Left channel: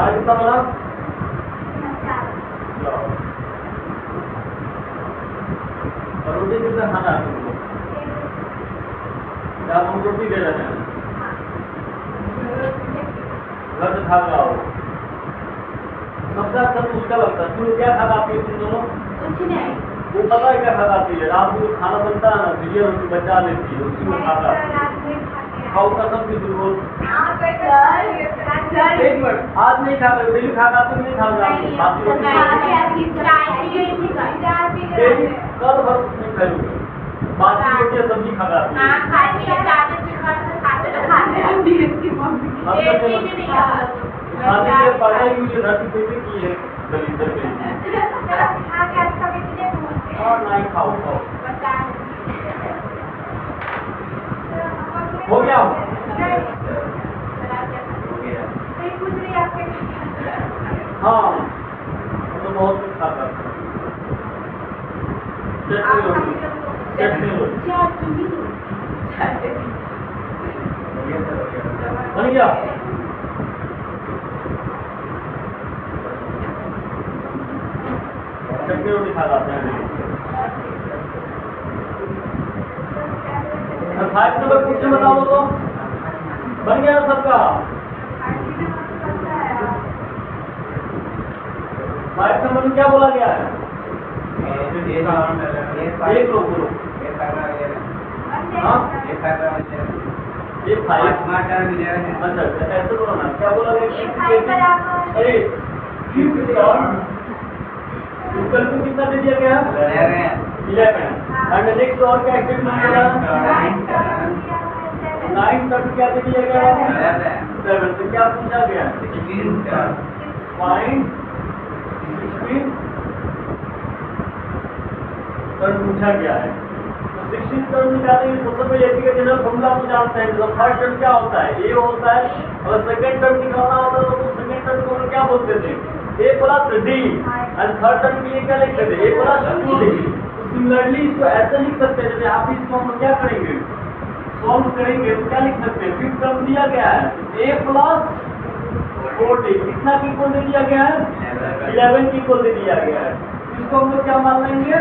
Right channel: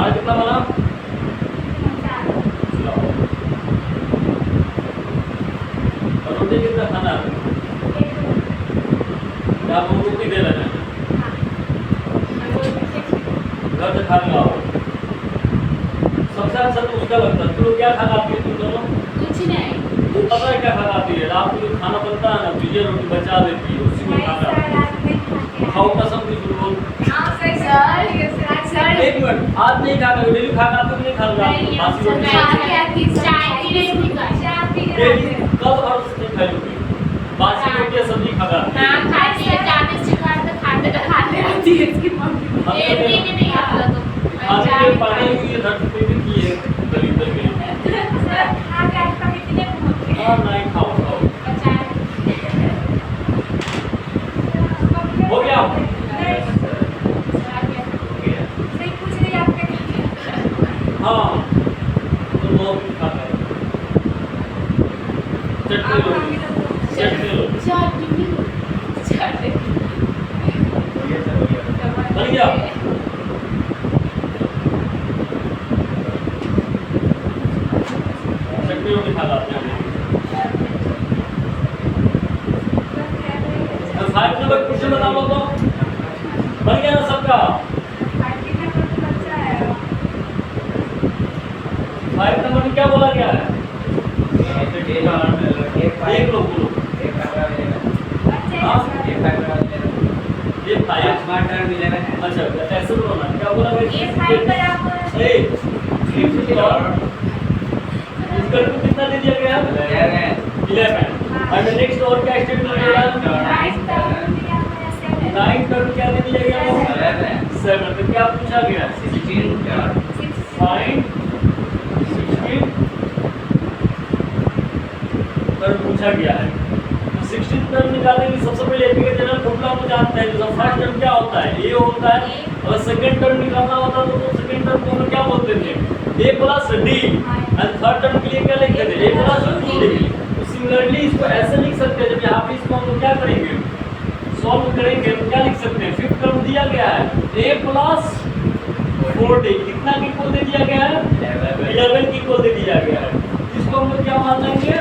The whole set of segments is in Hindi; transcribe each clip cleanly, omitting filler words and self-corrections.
तुम्हारा कितना बना? और रोटी कितना खाना है? क्या आप हम रोटी दे रहे हैं? घर से खा के आओ। सबसे अच्छा तो उसका लगता है। तुम क्या खाना आती है तुम दोनों? कुछ नहीं। वो पता है क्या खाना आती है? रात को जो खाना बनता है ना तो ये रोटी बचा देती है, उसी को खाता है। खाओ कसम की बोल। एक मिनट, आज नहीं खा रहे, डेली खा रहे नहीं खा रहे? बासी रोटी डेली कल भर नहीं खाओगे। बासी रोटी सब्जी खा रहे हैं। हां खाते हैं, ज्यादा से खाते रहती है इसकी मम्मी। एक भी नहीं आता तो खाने के पढ़ाई हुई है, धरती पे भी की है दलित में। खा के आपका कितने पहुंच और नहीं खाओ खाओ। बचा हो गया? सही पूछ रही आपने हाँ तो बहुत खाता है। चटनी लो, चटनी लो। बन गया? चटनी रोटी खा लाते हैं। 5 नंबर क्वेश्चन बता लो तो। बन गया ना सबका? 5 नंबर में क्या बोला गया है? एक लोग बोलो। हाँ ये 5 अच्छा ऐसे बोलो ना, क्या बोला गया? इसका कितना दे दिया गया? 11 एंड नेक्स्ट और क्या स्टेटमेंट दिया? 9 तक क्या दे दिया गया? 7 तो क्या पूछा गया? फाइंड 16 टर्म पूछा गया है। तो 16 टर्म निकालने के लिए सबसे पहले एपी का जनरल फॉर्मूला को जानते हैं। जब फर्स्ट टर्म क्या होता है? ए होता है। अगर सेकंड टर्म निकालना होता तो सेकंड टर्म को हम क्या बोलते थे? a plus D. And third term के लिए क्या लिखते थे? a plus 2d। तो सिमिलरली इसको ऐसे लिख सकते हैं। जब यहाँ पे इसको हम क्या करेंगे? सॉल्व करेंगे तो क्या लिख सकते हैं? फिफ्थ टर्म दिया गया है a प्लस 4d। कितना की इक्वल दे दिया गया है? 11 की इक्वल दे दिया गया है। इसको हम लोग क्या मान लेंगे?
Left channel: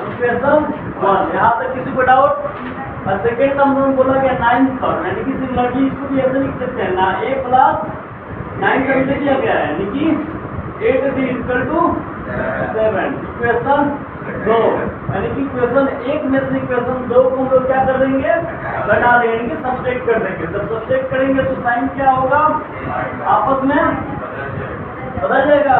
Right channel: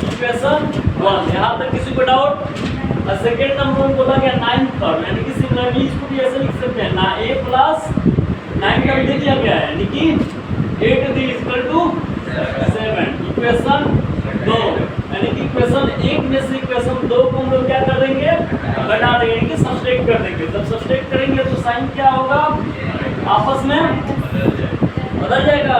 इक्वेशन 1। यहाँ तक किसी को डाउट? और सेकेंड नंबर में बोला गया 9th टर्म, यानी कि सिमिलरली इसको भी ऐसे लिख सकते हैं ना, a प्लस 9 टर्म दे दिया गया है, यानी कि 8d इक्वल टू 7। इक्वेशन 2, यानी कि इक्वेशन 1 में से इक्वेशन 2 को हम लोग क्या कर देंगे? घटा देंगे, यानी कि सब्सट्रैक्ट कर देंगे। जब सब्सट्रैक्ट करेंगे तो साइन क्या होगा? आपस में बदल जाएगा।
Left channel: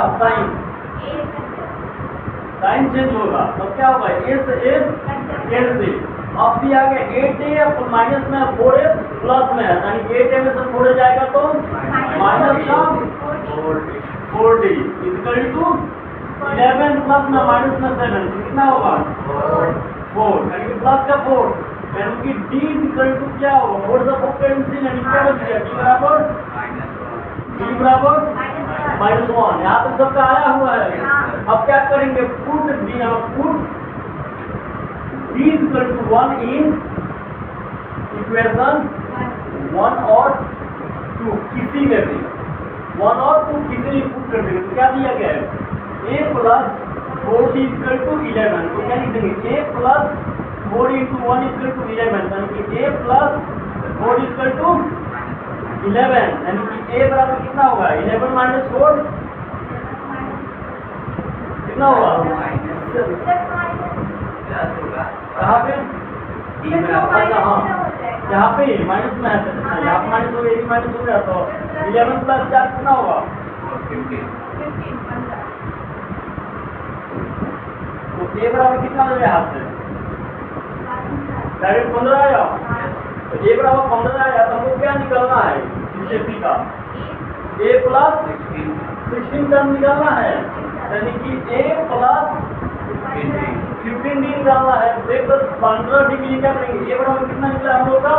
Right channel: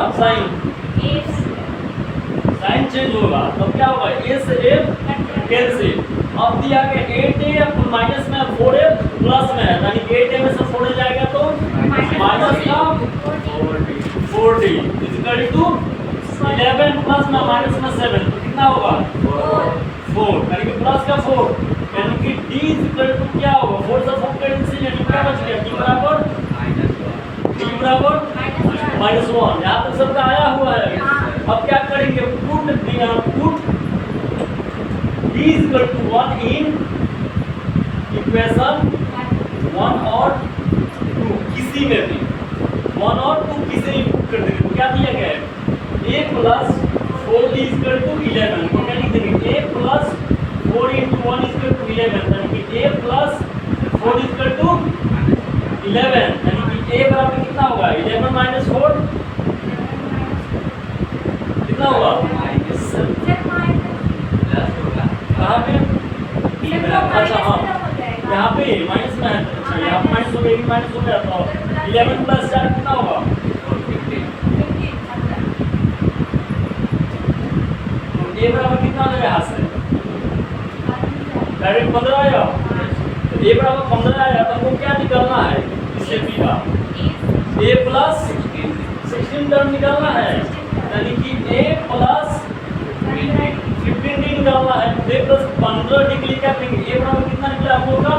साइन चेंज होगा तब क्या होगा? a से a कैंसिल। अब दिया गया 8a माइनस में 4a प्लस में, यानी कि 8a में से 4a जाएगा तो माइनस का 4d इक्वल टू 11 प्लस में माइनस में 7 कितना होगा? 4, यानी कि प्लस का 4, यानी कि d इक्वल टू क्या होगा? 4 से 4 कैंसिल, यानी क्या बच गया? d बराबर -1। यहाँ तक सबका आया हुआ है। अब क्या करेंगे? Put d equal to 1 in equation 1 और 2, किसी में भी 1 और 2 किसी में पुट कर देंगे तो क्या दिया गया है? a plus 4d equal to 11 को क्या लिख देंगे? a plus 4 into 1 equal to 11, यानी कि a प्लस 4 इक्वल टू 11, यानी कि a बराबर कितना होगा? 11 माइनस 4 कितना होगा? कहाँ पे? अच्छा हाँ, यहाँ पे माइनस में है। अच्छा यहाँ पे माइनस हो गया, माइनस हो गया तो 11 प्लस 4 कितना होगा? 15। तो a बराबर कितना हो जाएगा यहाँ से? डायरेक्ट 15 आया। तो a बराबर 15 आया तो हमको क्या निकालना है? इससे p का a प्लस 16 टर्म निकालना है, यानी कि a प्लस 15d निकालना है। तो a प्लस 15d के लिए क्या करेंगे? a बराबर कितना निकला हम लोग का?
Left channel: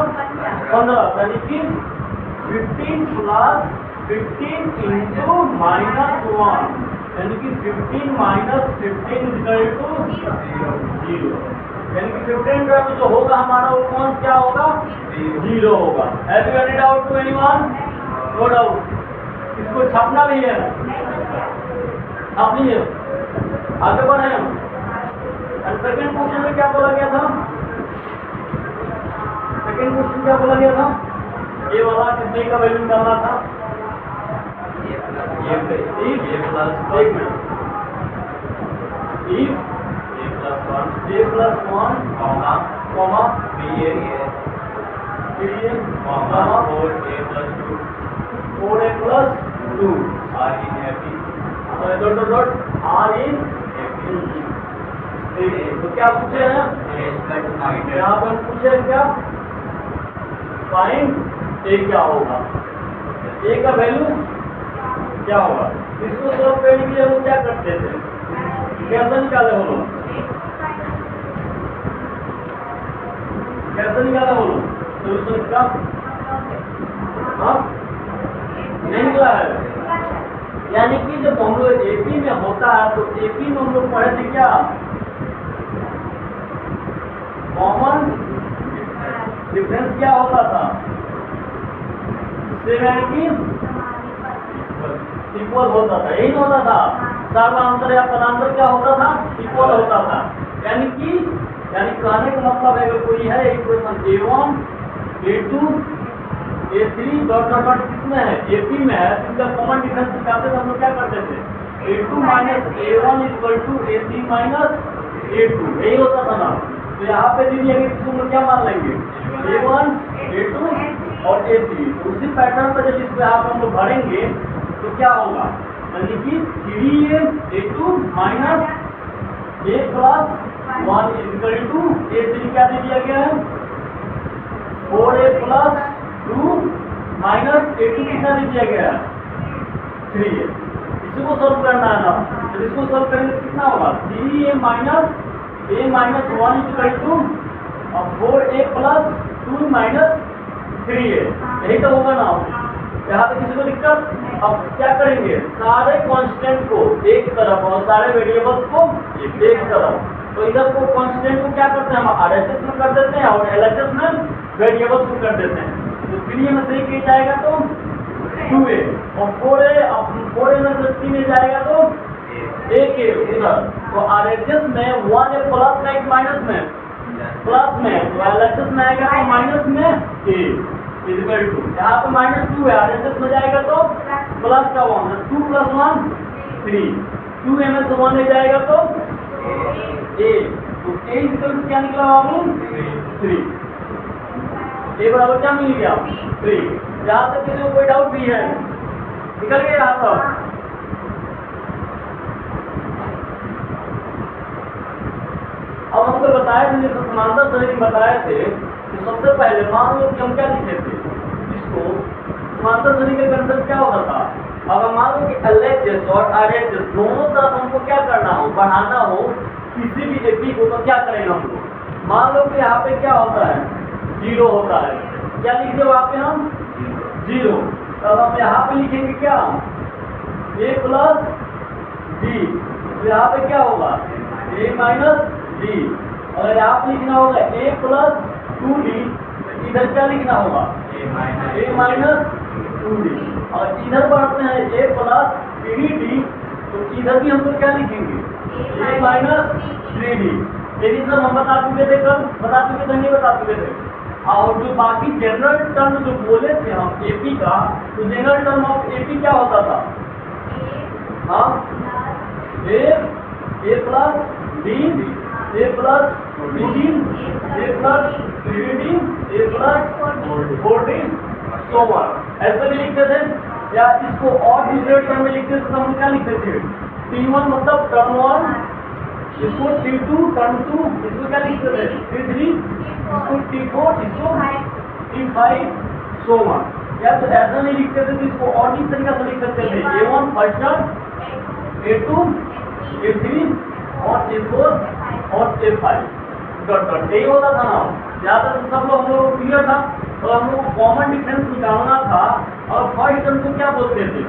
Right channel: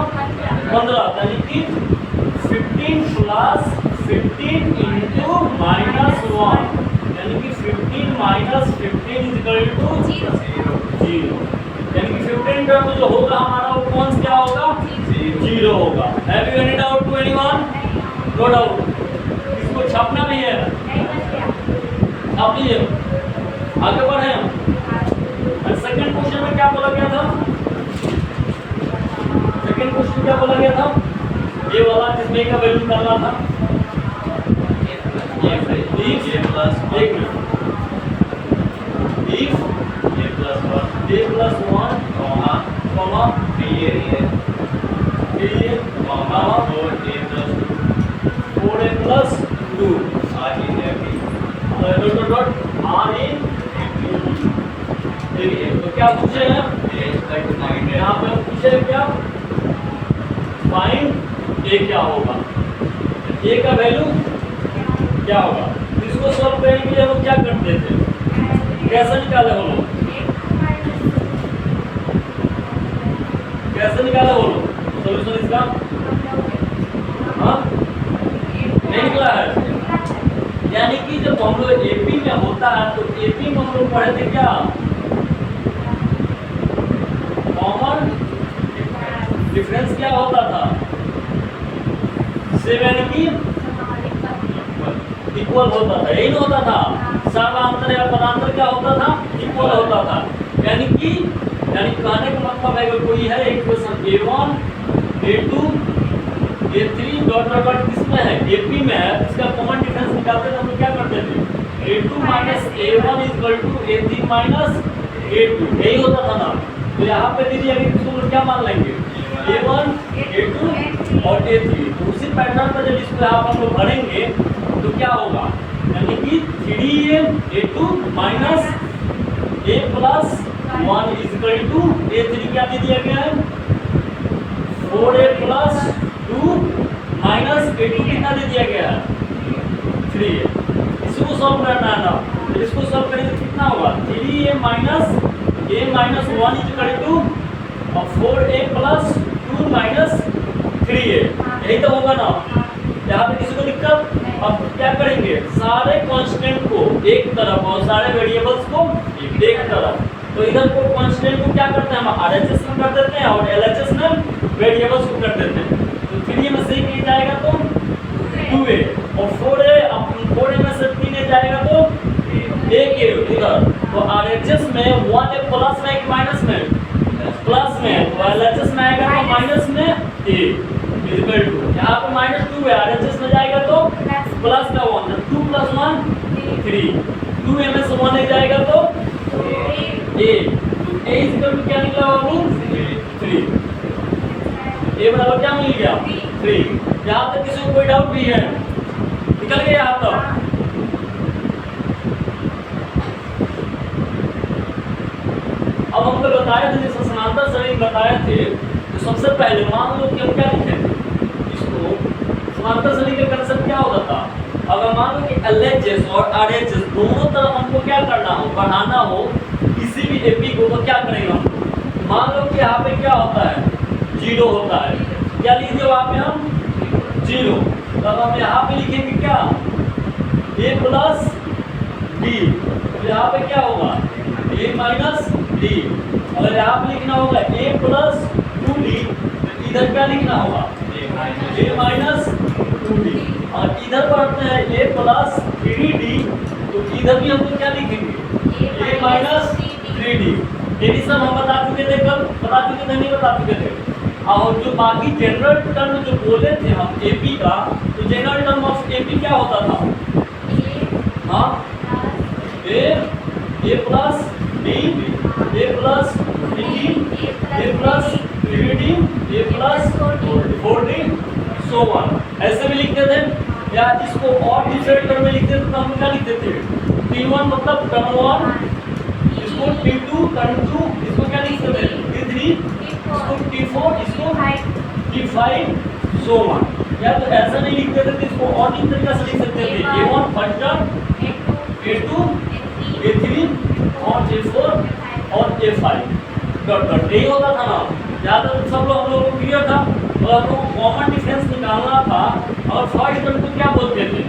15, यानी कि 15 प्लस 15 इंटू -1, यानी कि 15 माइनस 15 इक्वल टू 0, यानी कि 15 टर्म जो होगा हमारा वो कौन क्या होगा? 0 होगा। Have you any doubt to anyone? No doubt. इसको छापना भी है, छाप लीजिए, आगे बढ़े हम। और सेकंड क्वेश्चन में क्या बोला गया था? सेकंड क्वेश्चन क्या बोला गया था? ये वाला जिसमें का वैल्यू निकालना था। if a plus एक minute, if a plus 1 a plus 1 comma comma b a comma comma 4a plus 2 4a plus 2 r in a b dot dot dot r in a तो क्या पूछे हैं? a is equal to 9 यहाँ पे हम पूछे हैं क्या? फाइंड a क्या होगा, a का वैल्यू क्या होगा। इसको सॉल्व करने के लिए हम क्या करते थे, कैसे निकाले हो लोग, कैसे निकाले हो लोग सोल्यूशन इसका? हाँ नहीं निकला है। यानी कि जब हम लोग एपी में होता है तो एपी में हम लोग पढ़े थे क्या, कॉमन डिफरेंस क्या होता था, से यानी कि इक्वल होता था, यही होता था। सर्वांतर या पदांतर क्या होता था, इक्वल होता था। यानी कहने का मतलब है कि कोई है equation a1 a2 a3 dot dot dot किसमें है, AP में है, इसका कॉमन डिफरेंस निकालते थे हम लोग क्या करते थे, a2 minus a1 equal to a3 minus a2, यही होता था ना। तो यहाँ पे दीजिए इसको हम लोग क्या मान लेंगे, a1 a2 और a3। तो उसी पैटर्न पर जब इसको यहाँ पर हम लोग भरेंगे तो क्या होगा, यानी कि 3a a2 minus a plus 1 equal to a3 क्या दे दिया गया है, 4a प्लस 2 माइनस a2 कितना दे दिया गया है, 3a। इसको सॉल्व करना है ना, तो इसको सॉल्व करेंगे तो कितना होगा, 3a minus a minus 1 equal to 4a plus 2 minus 3a, यही तो होगा ना। यहाँ पे किसी को दिक्कत? अब क्या करेंगे, सारे कांस्टेंट को एक तरफ और सारे वेरिएबल्स को एक तरफ। तो इधर को कांस्टेंट को क्या करते हैं हम RHS में कर देते हैं और LHS में वेरिएबल्स को कर देते हैं। तो 3a में से 1 जाएगा तो 2a और 4a में से 3a जाएगा तो 1a उधर। तो RHS में 1a प्लस में कि माइनस में, प्लस में, तो LHS में आएगा तो माइनस में a इक्वल टू, यहाँ पे -2 है, RHS में जाएगा तो प्लस का 1, 2 प्लस 1 3, 2a में से 1 जाएगा तो a, तो a इक्वल टू क्या निकला बाबू, 3। a बराबर क्या मिल गया, 3। यहाँ तक किसी को कोई डाउट भी है, निकल गया यहाँ तक। अब हमको बताया था जैसे समांतर श्रेणी बताए थे, तो सबसे पहले मान लो कि हम क्या लिखे थे, इसको समांतर श्रेणी का कंसेप्ट क्या होता था, अगर मान लो कि LHS और RHS दोनों तरफ हमको क्या करना हो, बढ़ाना हो किसी भी एपी को, तो क्या करेंगे हम, मान लो कि यहाँ पे क्या होता है, 0 होता है, क्या लिख दिया वहाँ पे हम 0, तब हम यहाँ पे लिखेंगे क्या, a प्लस d, तो यहाँ पे क्या होगा a माइनस d, और यहाँ पे लिखना होगा a प्लस 2d, इधर क्या लिखना होगा a माइनस 2d, और इधर पढ़ते हैं a प्लस 3d, तो इधर भी हमको क्या लिखेंगे a माइनस 3d। ये भी सब हम बता चुके थे, कल बता चुके थे, नहीं बता चुके थे। और जो बाकी जनरल टर्म जो बोले थे हम AP का, तो जनरल टर्म ऑफ AP क्या होता था, हाँ a plus d, a plus 3d, a plus 3d, a plus 4d, so on, ऐसे भी लिखते थे। या इसको और दूसरे टर्म में लिखते थे तो हम क्या लिखते थे, T1 मतलब टर्म 1, इसको T2 टर्म 2, इसको क्या लिखते थे T3, इसको T4, इसको T5, सो ऑन। या तो ऐसा नहीं लिखते थे तो इसको और किस तरीके से लिख सकते थे, A1 first term, A2, A3 और A4 और A5 डॉट डॉट, यही होता था ना। ज़्यादा तो सब लोग हम लोगों को क्लियर था। तो हम लोगों को कॉमन डिफरेंस निकालना था, और फर्स्ट टर्म को क्या बोलते थे,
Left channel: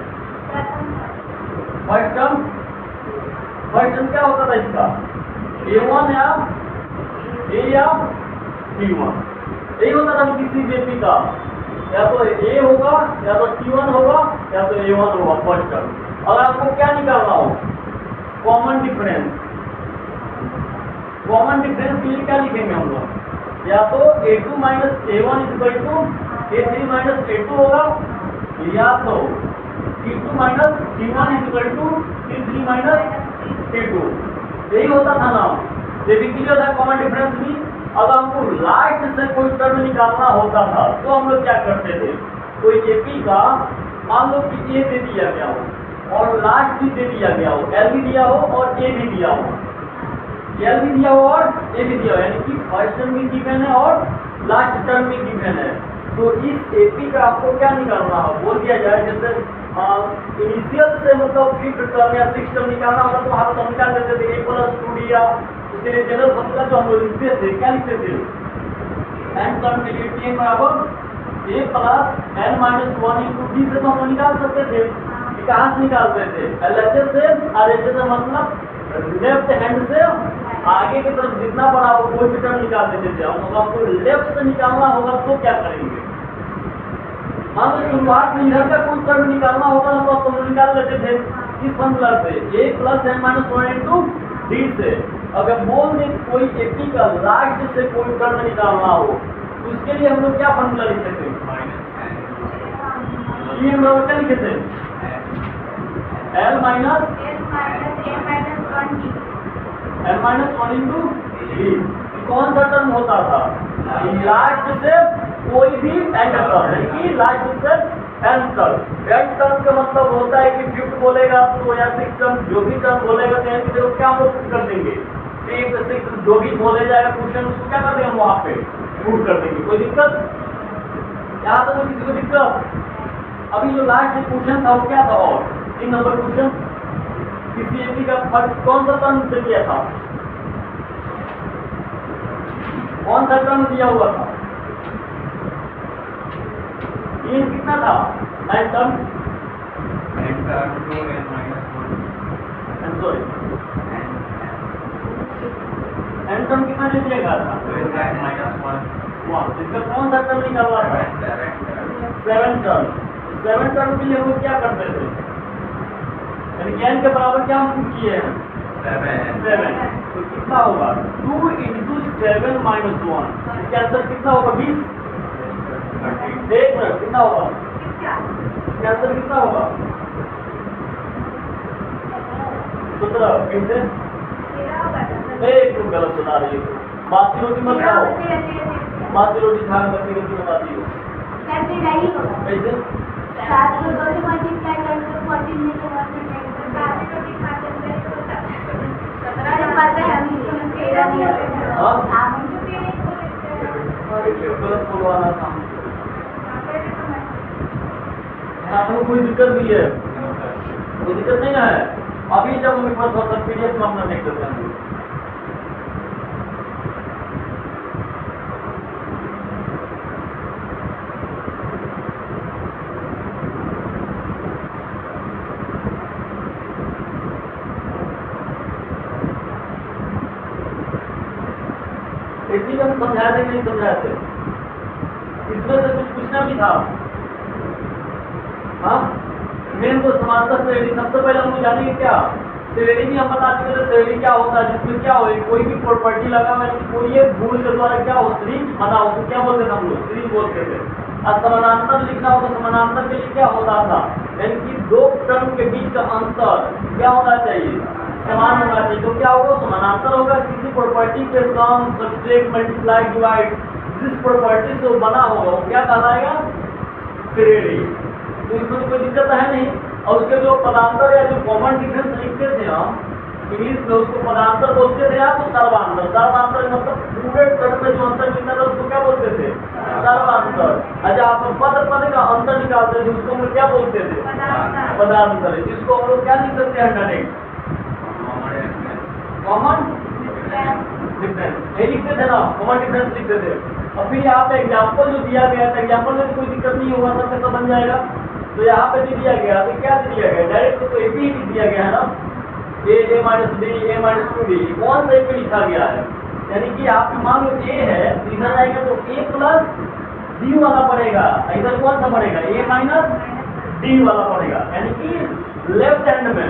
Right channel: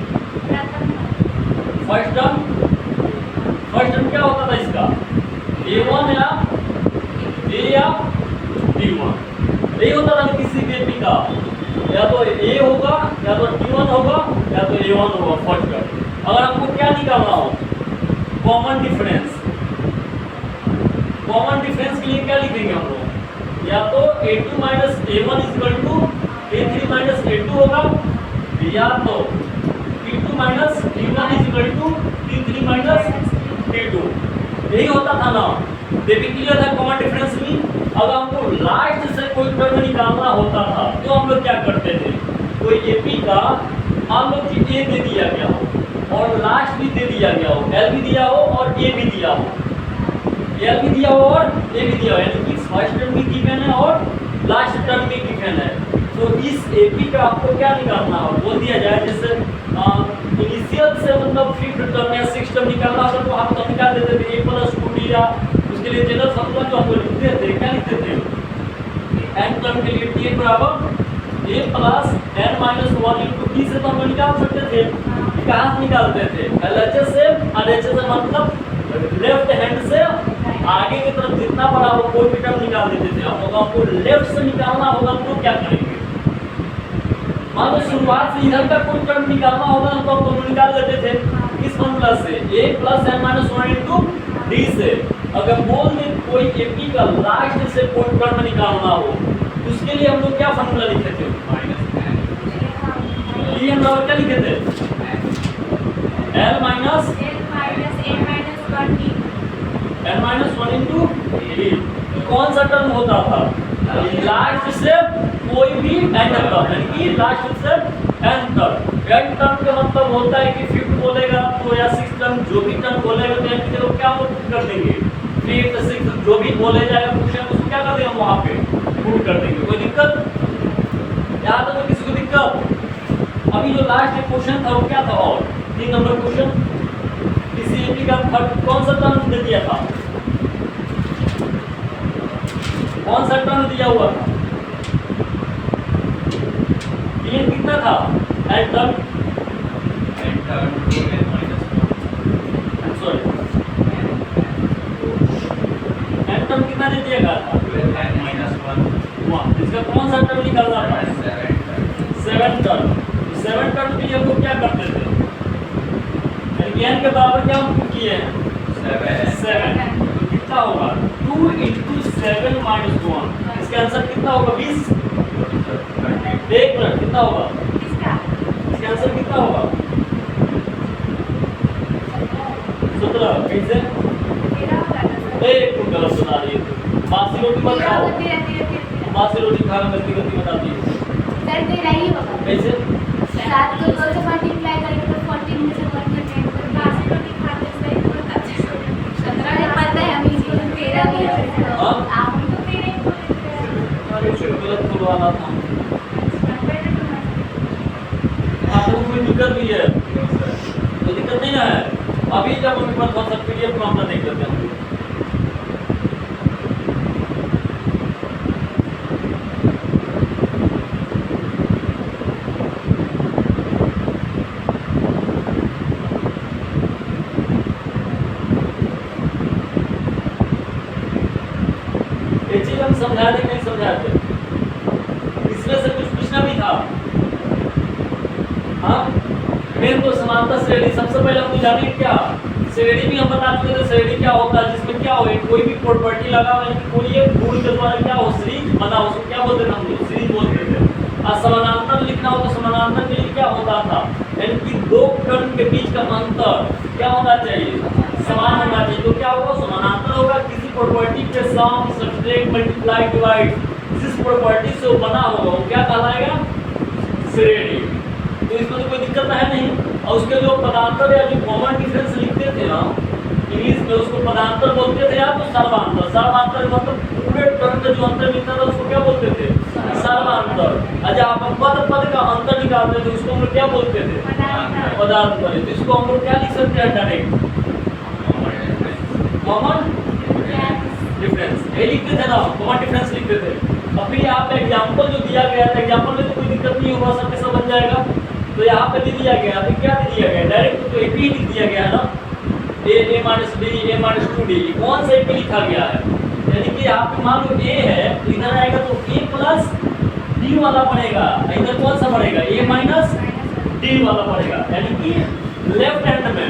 फर्स्ट टर्म क्या होता था इसका, A1 या A या B1, यही होता था किसी भी एपी का। या तो ए होगा, या तो T1 होगा, या तो A1 होगा फर्स्ट टर्म। अगर आपको क्या निकालना हो, कॉमन डिफरेंस, कॉमन डिफरेंस के लिए क्या लिखेंगे हम लोग, या तो A2 minus A1 equal to A3 minus A2 होगा, या तो T2 minus T1 equal to T3 minus T2। यही होता था ना, बेसिकली होता कॉमन डिफरेंस भी। अगर हमको लास्ट से कोई टर्म निकालना होता था तो हम लोग क्या करते थे, कोई एपी का मान लो कि ए दे दिया गया हो और लास्ट भी दे दिया गया हो, एल भी दिया हो और ए भी दिया हो, एल भी दिया हो और ए भी दिया हो, यानी कि फर्स्ट टर्म भी गिवन है और लास्ट टर्म भी गिवन है। तो इस एपी का आपको क्या निकालना हो, बोल दिया जाए जैसे इनिशियल से मतलब फिफ्थ टर्म या सिक्स टर्म निकालना होगा तो हम तो निकाल देते थे a प्लस 2d, या उसके लिए जनरल फॉर्मूला जो हम लोग लिखते थे, क्या लिखते थे, n टर्म के लिए t बराबर a plus n minus 1 into d से तो हम लोग निकाल सकते थे। कहाँ से निकालते थे, LHS से, RHS से मतलब लेफ्ट हैंड से आगे की तरफ जितना बड़ा हो कोई भी टर्म निकाल देते थे। हम लोग आपको लेफ्ट से निकालना होगा तो क्या करेंगे, मान लो शुरुआत से इधर का कोई टर्म निकालना होगा तो हम लोग निकाल देते थे इस फॉर्मूला से, a plus n minus 1 into D से। अगर बोल दें कोई एपी का लास्ट से कोई टर्म निकालना हो उसके लिए हम लोग क्या फॉर्मूला लिखे थे, n बराबर क्या लिखे थे, l minus n minus 1 into D. कौन सा टर्म होता था, लास्ट से कोई भी एंड टर्म, यानी कि लास्ट से एंड टर्म। एंड टर्म का मतलब होता है कि फिफ्थ बोलेगा तो या सिक्स टर्म जो भी टर्म बोलेगा तो एंड को क्या कर देंगे, फिफ्थ सिक्स जो भी बोले जाएगा क्वेश्चन उसको क्या कर देंगे हम वहाँ पे पुट कर देंगे। कोई दिक्कत यहाँ तक, तो किसी को दिक्कत। अभी जो लास्ट क्वेश्चन था वो क्या था, और 3 नंबर क्वेश्चन किसी एपी का कौन सा टर्म दे दिया था, कौन सा टर्म दिया हुआ था, ये कितना था, N term 2n minus 1 sorry N term कितना दे दिया गया था, 2n minus 1 इसका कौन सा टर्म निकालना था, 7 टर्म। 7 टर्म के लिए हम लोग क्या करते थे, यानी कि n के बराबर क्या हम किए हैं 7, तो कितना होगा 2 इंटू 7 माइनस 1, इसका आंसर कितना होगा 20। एक मिनट कितना होगा, इसका आंसर कितना होगा 17। फिर से एक तुम गलत बता रही हो, बासी रोटी मत खाओ, बासी रोटी खाना गलती गलती बताती हो, कैसे 7 को 2 से मल्टीप्लाई करेंगे तो 14 में से 1 कटेंगे, बासी रोटी खाते हैं तो बताते हैं 17 पता है हमें, इसको 13 भी है। हां आप तो 13 अरे गलत खुलवाना था। आपको कोई दिक्कत भी है, कोई दिक्कत नहीं ना है। अभी जब हमें पास थोड़ा सा पीडीएफ में अपना देख लेते हैं। एक चीज हम समझाए थे नहीं समझाए थे, इसमें से कुछ पूछना भी था। हाँ मेन तो समानता श्रेणी, सबसे पहले हम जानेंगे क्या श्रेणी भी हम बता चुके थे, श्रेणी क्या होता है, जिसमें क्या हो कोई भी प्रॉपर्टी लगा हुआ है, कोई एक गुण के द्वारा क्या हो सीरीज बना, उसको क्या बोलते थे हम लोग, सीरीज बोलते थे। और समानांतर लिखना हो तो समानांतर के लिए क्या होता था, यानी कि दो टर्म के बीच का अंतर क्या होना चाहिए, समान होना चाहिए। तो क्या होगा समानांतर होगा किसी प्रॉपर्टी के सम सब्ट्रैक्ट मल्टीप्लाई डिवाइड, जिस प्रॉपर्टी से वो बना होगा वो क्या कहलाएगा श्रेणी। तो इसमें तो कोई दिक्कत है नहीं। और उसके जो पदांतर या जो कॉमन डिफरेंस लिखते थे ना इंग्लिश में, उसको पदांतर बोलते थे या तो सर्वांतर। सर्वांतर मतलब पूरे टर्म में जो अंतर मिलता था उसको क्या बोलते थे सर्वांतर। अच्छा आप पद पद का अंतर निकालते थे उसको हम लोग क्या बोलते थे पदांतर। इसको हम लोग क्या लिख सकते हैं डायरेक्ट कॉमन डिफरेंस, ये लिखते थे ना कॉमन डिफरेंस लिखते थे। और फिर यहाँ पे एग्जाम्पल जो दिया गया था, एग्जाम्पल में तो कोई दिक्कत नहीं होगा, सब कैसा बन जाएगा। तो यहाँ पे दे दिया गया तो क्या दे दिया गया डायरेक्ट तो एक ही लिख दिया गया है ना, a minus D a minus 2d कौन सा पे लिखा गया है, यानी कि यहाँ पे मान लो a है तो इधर आएगा तो a प्लस डी वाला पड़ेगा, इधर कौन सा पड़ेगा, ए माइनस डी वाला पड़ेगा, यानी कि लेफ्ट हैंड में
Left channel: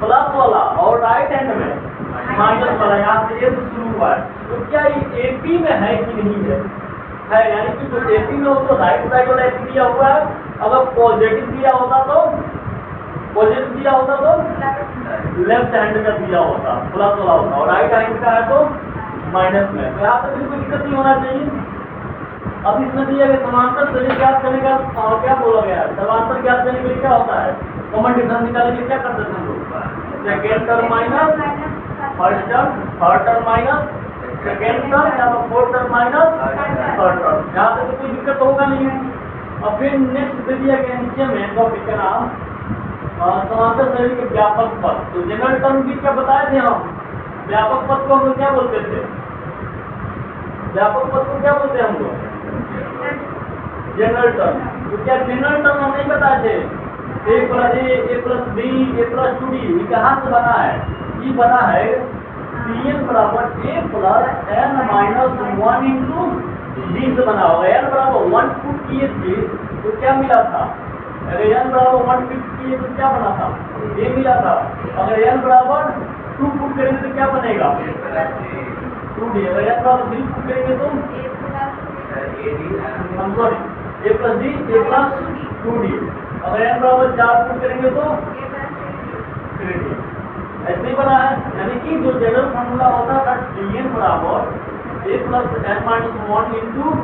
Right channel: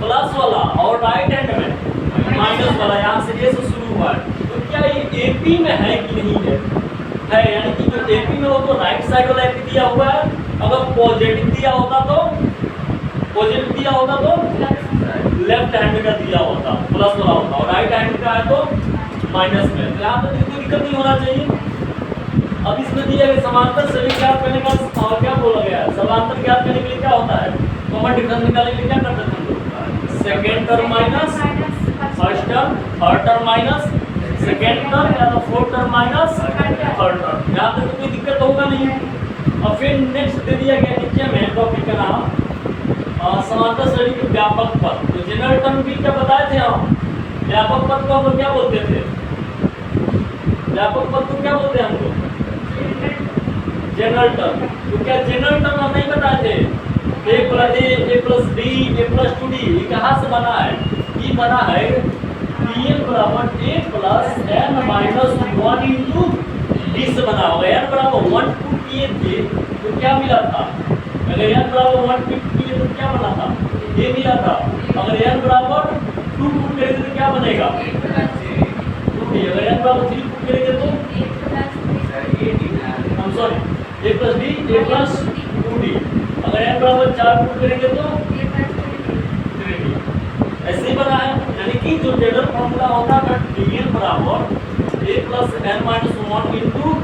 प्लस वाला और राइट हैंड में माइनस वाला, यहाँ से ए से शुरू हुआ है। तो क्या ये एपी में है कि नहीं है, यानी कि जो एपी में हो तो राइट साइड वाला एपी दिया हुआ है, अगर पॉजिटिव दिया होता तो लेफ्ट हैंड का दिया होता, प्लस वाला होता, और राइट हैंड का है तो माइनस में। तो यहाँ पर कोई दिक्कत नहीं होना चाहिए। अब इसमें दिया गया समांतर सभी ज्ञात करने का क्या बोला गया है, समांतर ज्ञात करने के लिए क्या होता है, कॉमन डिफरेंस निकालने के लिए क्या करते थे हम लोग, second term minus first term, third term minus second term, या fourth term minus third term. यहाँ तक कोई दिक्कत होगा नहीं। अब फिर नेक्स्ट दे दिया गया नीचे में टॉपिक का नाम समांतर श्रेणी के व्यापक पद। तो जनरल टर्म भी क्या बताए थे हम, व्यापक पद को हम लोग क्या बोलते थे, व्यापक पद को क्या बोलते हैं हम लोग, जनरल टर्म। तो क्या जनरल टर्म हम नहीं बताए थे, ए प्लस बी ए प्लस 2d, ये कहाँ से बना है, ये बना है Pn बराबर a plus n minus 1 into D से बना होगा। n बराबर 1 पुट किए थे तो क्या मिला था, अगर n बराबर 1 पुट किए तो क्या बना था, a मिला था। अगर n बराबर 2 पुट करेंगे तो क्या बनेगा 2d। अगर n बराबर 3 पुट करेंगे तो हम sorry a plus d a plus 2d। अगर n बराबर 4 पुट करेंगे तो 3d। ऐसे ही बना है, यानी कि जो जनरल फॉर्मूला होता था Pn बराबर a plus n minus 1 into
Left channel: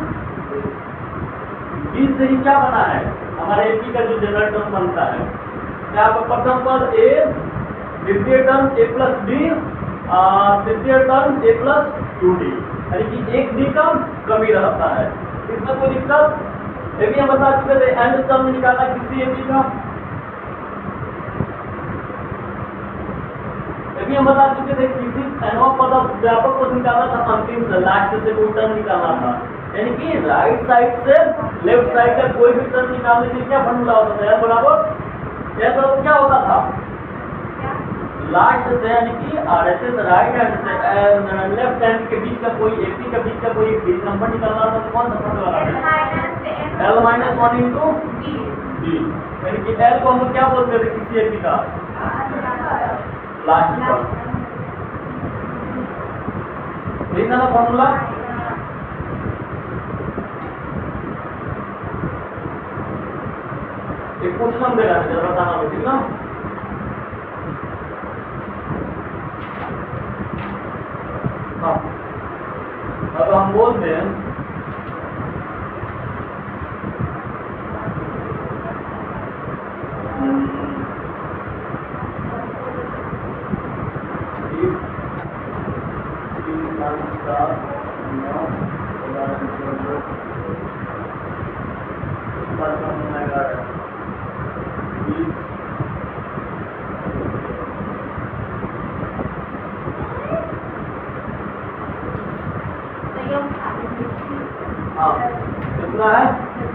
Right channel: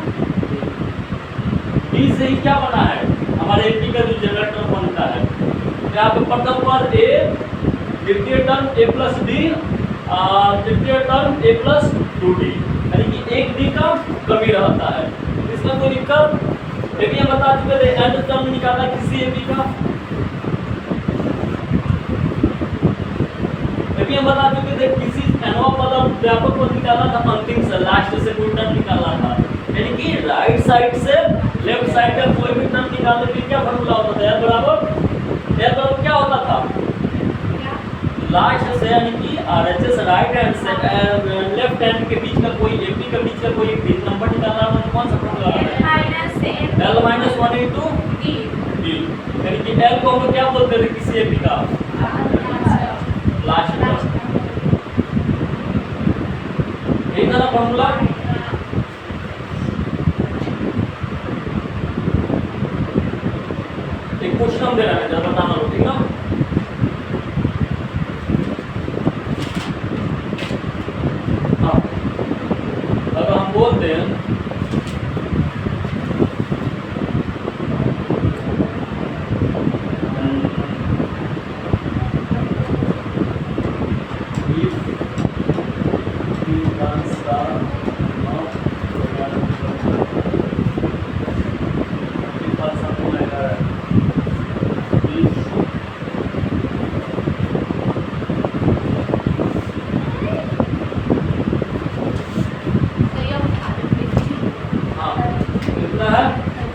D से ही क्या बना है, हमारे AP का जो जनरल टर्म बनता है। यहाँ पे प्रथम पद a, द्वितीय टर्म a प्लस d, तृतीय टर्म a प्लस 2d, यानी कि एक d का कमी रहता है। इसमें कोई दिक्कत, ये भी हम बता चुके थे। एंड टर्म निकालना किसी AP का, अभी हम बता चुके थे किसी nवा पद व्यापक पद निकालना था, अंतिम से लास्ट से कोई टर्म निकालना था, यानी कि राइट साइड से लेफ्ट साइड का कोई भी टर्म निकालने के लिए क्या फॉर्मूला होता था, बराबर क्या होता था, लास्ट से यानी कि RHS राइट हैंड से लेफ्ट हैंड के बीच का कोई AP के बीच का कोई एक नंबर निकालना था, तो कौन सा फॉर्मूला है, L माइनस 1 इंटू D, यानी कि L को हम लोग क्या बोलते थे किसी AP का लास्ट टर्म। यही था ना फॉर्मूला। एक क्वेश्चन हम दे रहे हैं, जरा बताना लो, ठीक ना। हाँ, अगर हम बोलते हैं कितना है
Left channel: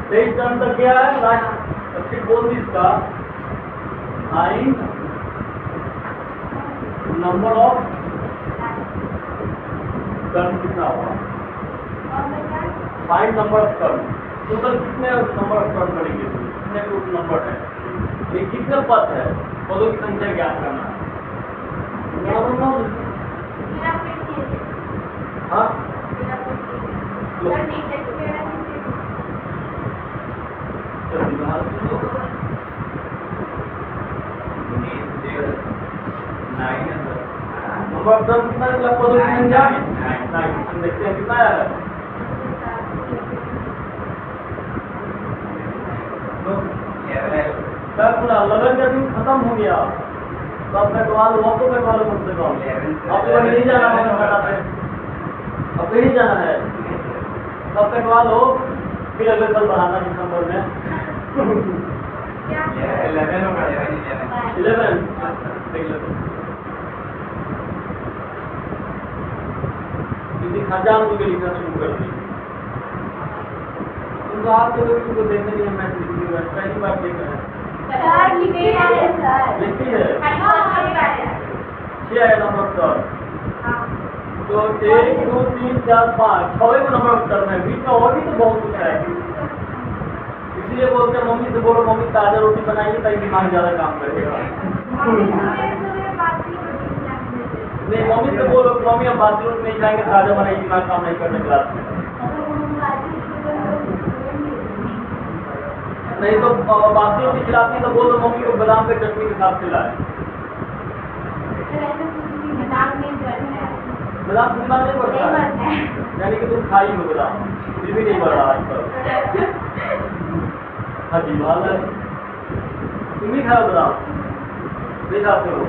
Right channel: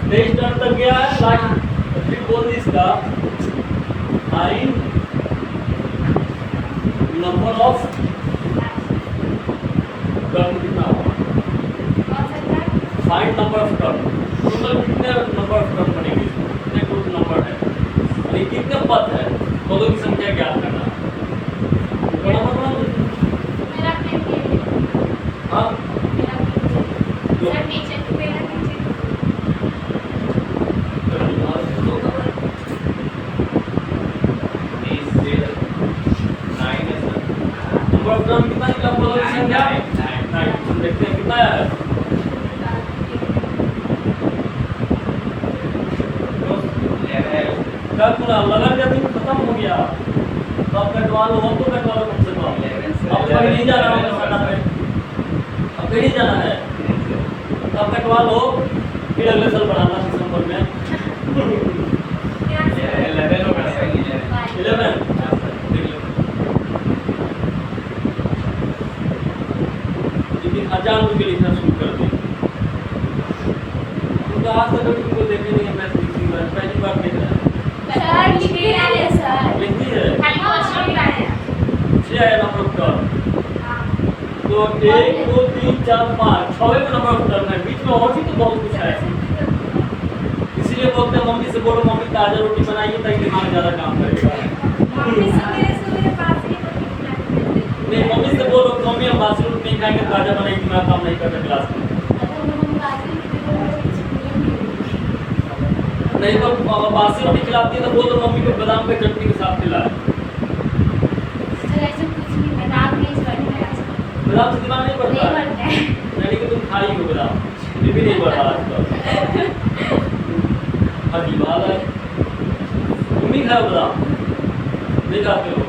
23 टर्म तक गया है लास्ट। फिर बोल दी इसका फाइंड नंबर ऑफ टर्म कितना होगा, find number of term, total कितने नंबर ऑफ टर्म बनेंगे, कितने टोटल नंबर है, यानी कितने पद है, पदों की संख्या ज्ञात करना है। हाँ नंबर ऑफ टर्म कितना निकला, पदों की संख्या 9। हम देखते हैं कितना आया है, क्या पूरा लगन का दिन खत्म हो गया, अब कटवा लो, अब तो कटवा लो कम से कम। अब कहीं नहीं जाना होगा साटा पे, अब कहीं नहीं जाना है, तब कटवा लो, फिर अगले साल बढ़ाना दिसंबर में 11 होगा, 11 देख लेते। हजार रुपये लिखना शुरू कर दें, तो आज से लोग तुमको देखे नहीं, मैं पहली बार देख रहे हैं। लिखती है 6 आया नंबर ऑफ टर्म, तो 1 2 3 4 5 6वें नंबर ऑफ टर्म है, बीच में और भी तो बहुत कुछ है। इसलिए बोलते हैं मम्मी से बोलो मम्मी ताजा रोटी बनाइए ताकि दिमाग ज्यादा काम करेगा। मम्मी सवेरे पास ही रोटी खिलाती है। नहीं मम्मी से बोलो कि मम्मी हम बासी रोटी नहीं खाएंगे, ताजा बनाइए, दिमाग काम नहीं करता क्लास में। नहीं तो बासी रोटी खिलाती है तो बोल दो मम्मी को बादाम के चटनी के साथ खिलाए। बादाम से दिमाग नहीं बढ़ता है, यानी कि तुम खाई हो बादाम, फिर भी नहीं बढ़ा आज तक। अजीब हाल है, तुम ही खाओ बादाम, नहीं खाते हो?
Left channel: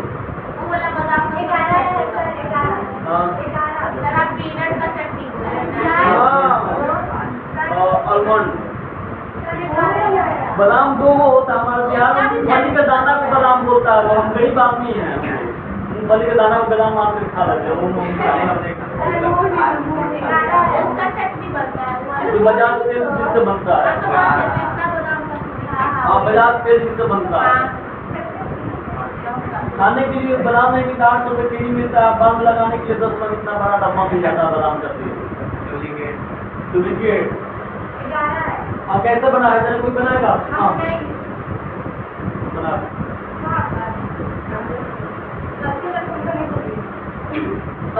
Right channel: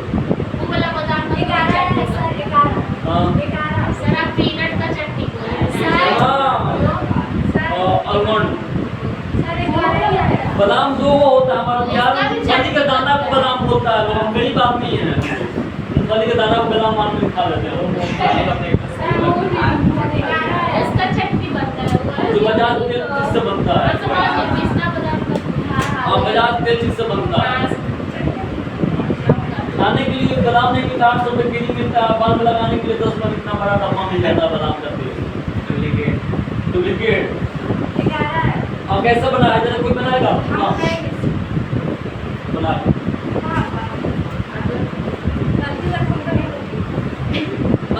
हाँ आलमंड बादाम दो वो होता है हमारे बिहार में, मूंगफली का दाना को बादाम बोलता है, हम गरीब आदमी हैं, मूंगफली के दाना को बादाम मान में खा लेते हैं। जो बजाज तेल जिससे बनता है, हाँ बजाज तेल जिससे बनता है। खाने के लिए बादाम नहीं मिलता, 800 रुपये के जी मिलता है, बाल में लगाने के लिए 10 रुपये इतना बड़ा डब्बा मिल जाता है बादाम का तेल। डुप्लीकेट हाँ कैसे बना है, जरा कोई बनाएगा? हाँ बना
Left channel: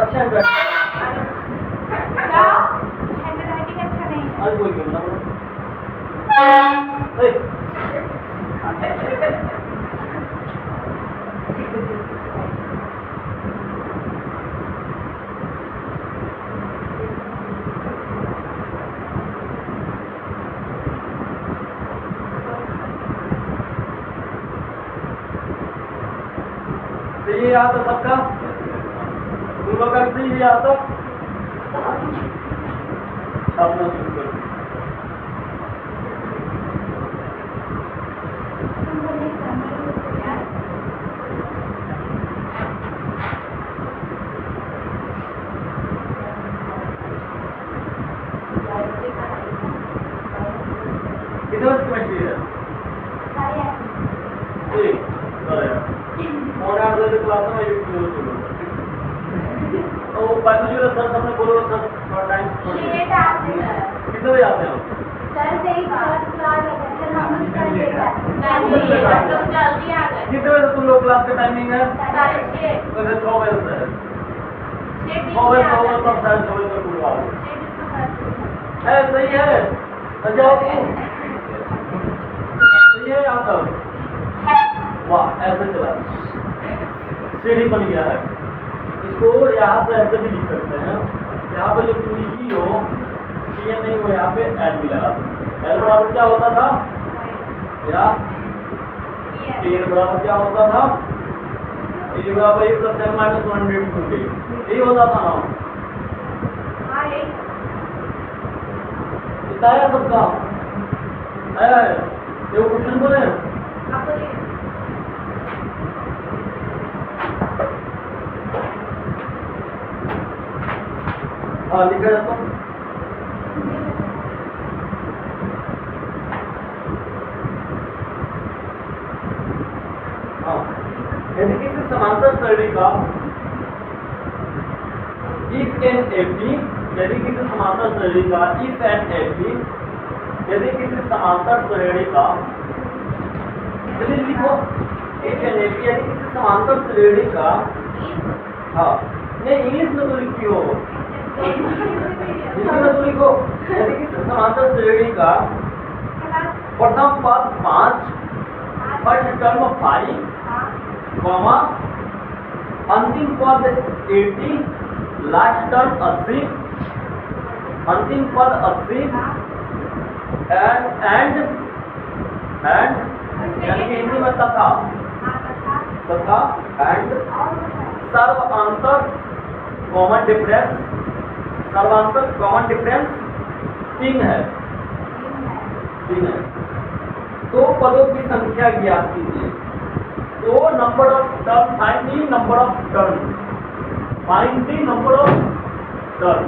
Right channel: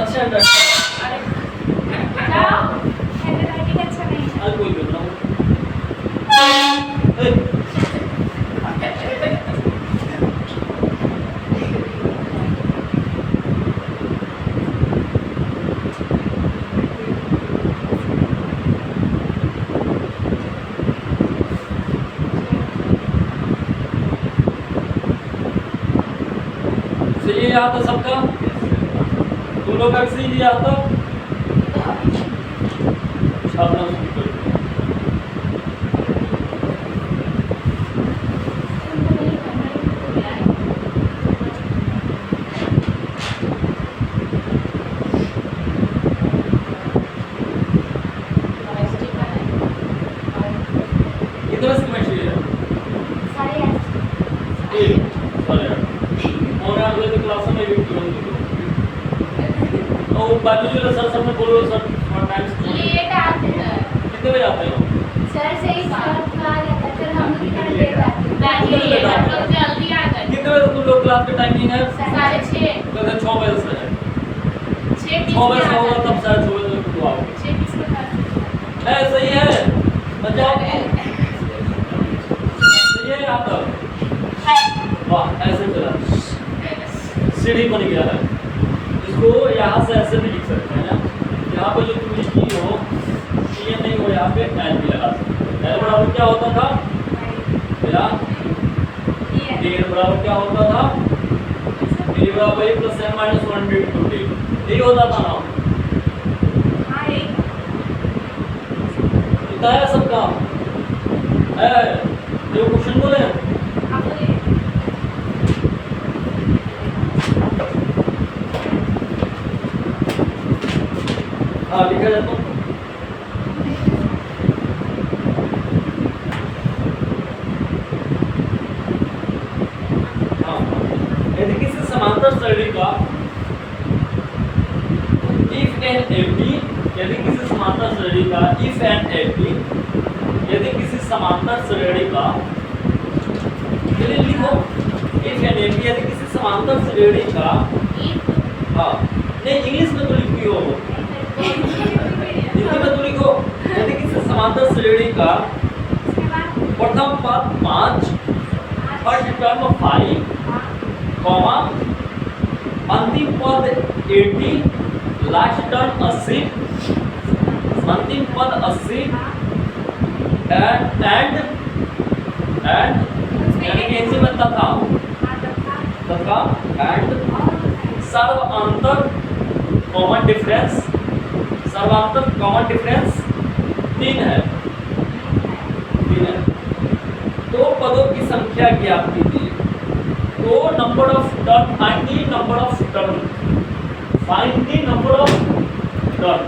अच्छा है, अरे कोई भी बना सही याद है सबका? तुम लोग का सही याद है? छापना शुरू कर दो। कितने बजे केमिस्ट्री है? साढ़े 8 और 8 बजे क्लास में वेट करो। और बायोलॉजी का सर सबने बोलो सर टाइम लेट आते हैं कितने बजे आते हो? सर से ही सर आ जाता है, फिर हम लोग लेट आते हैं। जल्दी आ गए। कितने बजे तुम लोग क्लास का टाइमिंग है? 6:30 तो 6 बजे से है। 6 बजे से होगा तब 6:30 बजे तक आओगे। है सही है, बजाओ सही है यहाँ तक। वाह ऐसे चला, सीढ़ी बन गया है। इसको यहाँ से ऐसे भी लिख सकते हैं, यहाँ पे जो तुम लिखी हो ये नहीं हो, यहाँ पे एल भी लगा सकते हैं। एल बराबर क्या होता था मेरा? एन बराबर क्या होता था? ए बराबर ए प्लस एन माइनस 1/2 यही होता था ना? इतना है सबका है, जो क्वेश्चन बोले हाँ लिखा जाता हूँ। हाँ यदि किसी समांतर श्रेणी का इफ एन एपी, यदि किसी समांतर श्रेणी का इफ एन एपी, यदि किसी समांतर श्रेणी का, चलिए लिखो इफ एन एपी, यदि किसी समांतर श्रेणी का, हाँ नहीं इंग्लिश में तो लिखती हो, हिंदी में तो लिखो। यदि किसी समांतर श्रेणी का प्रथम पद 5, फर्स्ट टर्म 5, कॉमा अंतिम पद 80, लास्ट टर्म 80, अंतिम पद 80 एंड यानी कि हिंदी में तथा एंड सर्वांतर कॉमन डिफरेंस, सर्वांतर कॉमन डिफरेंस 3 है। तो पदों की संख्या ज्ञात कीजिए। तो number of term, find the number of term, find the number of term,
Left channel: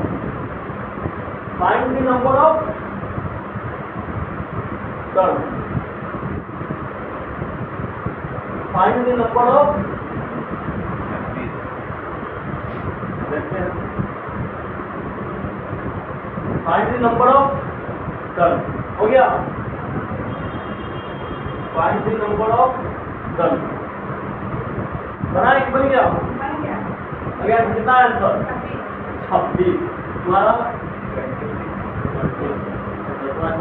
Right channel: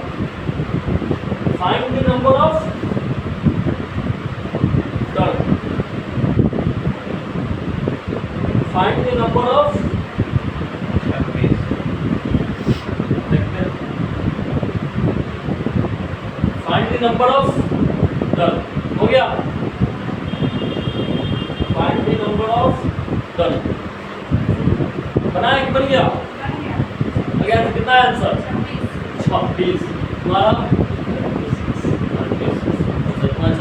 find the number of term, find the number of find the number of term. हो गया? Find the number of term. बना है कि बन गया? अगेन कितना है आंसर? 26। तुम्हारा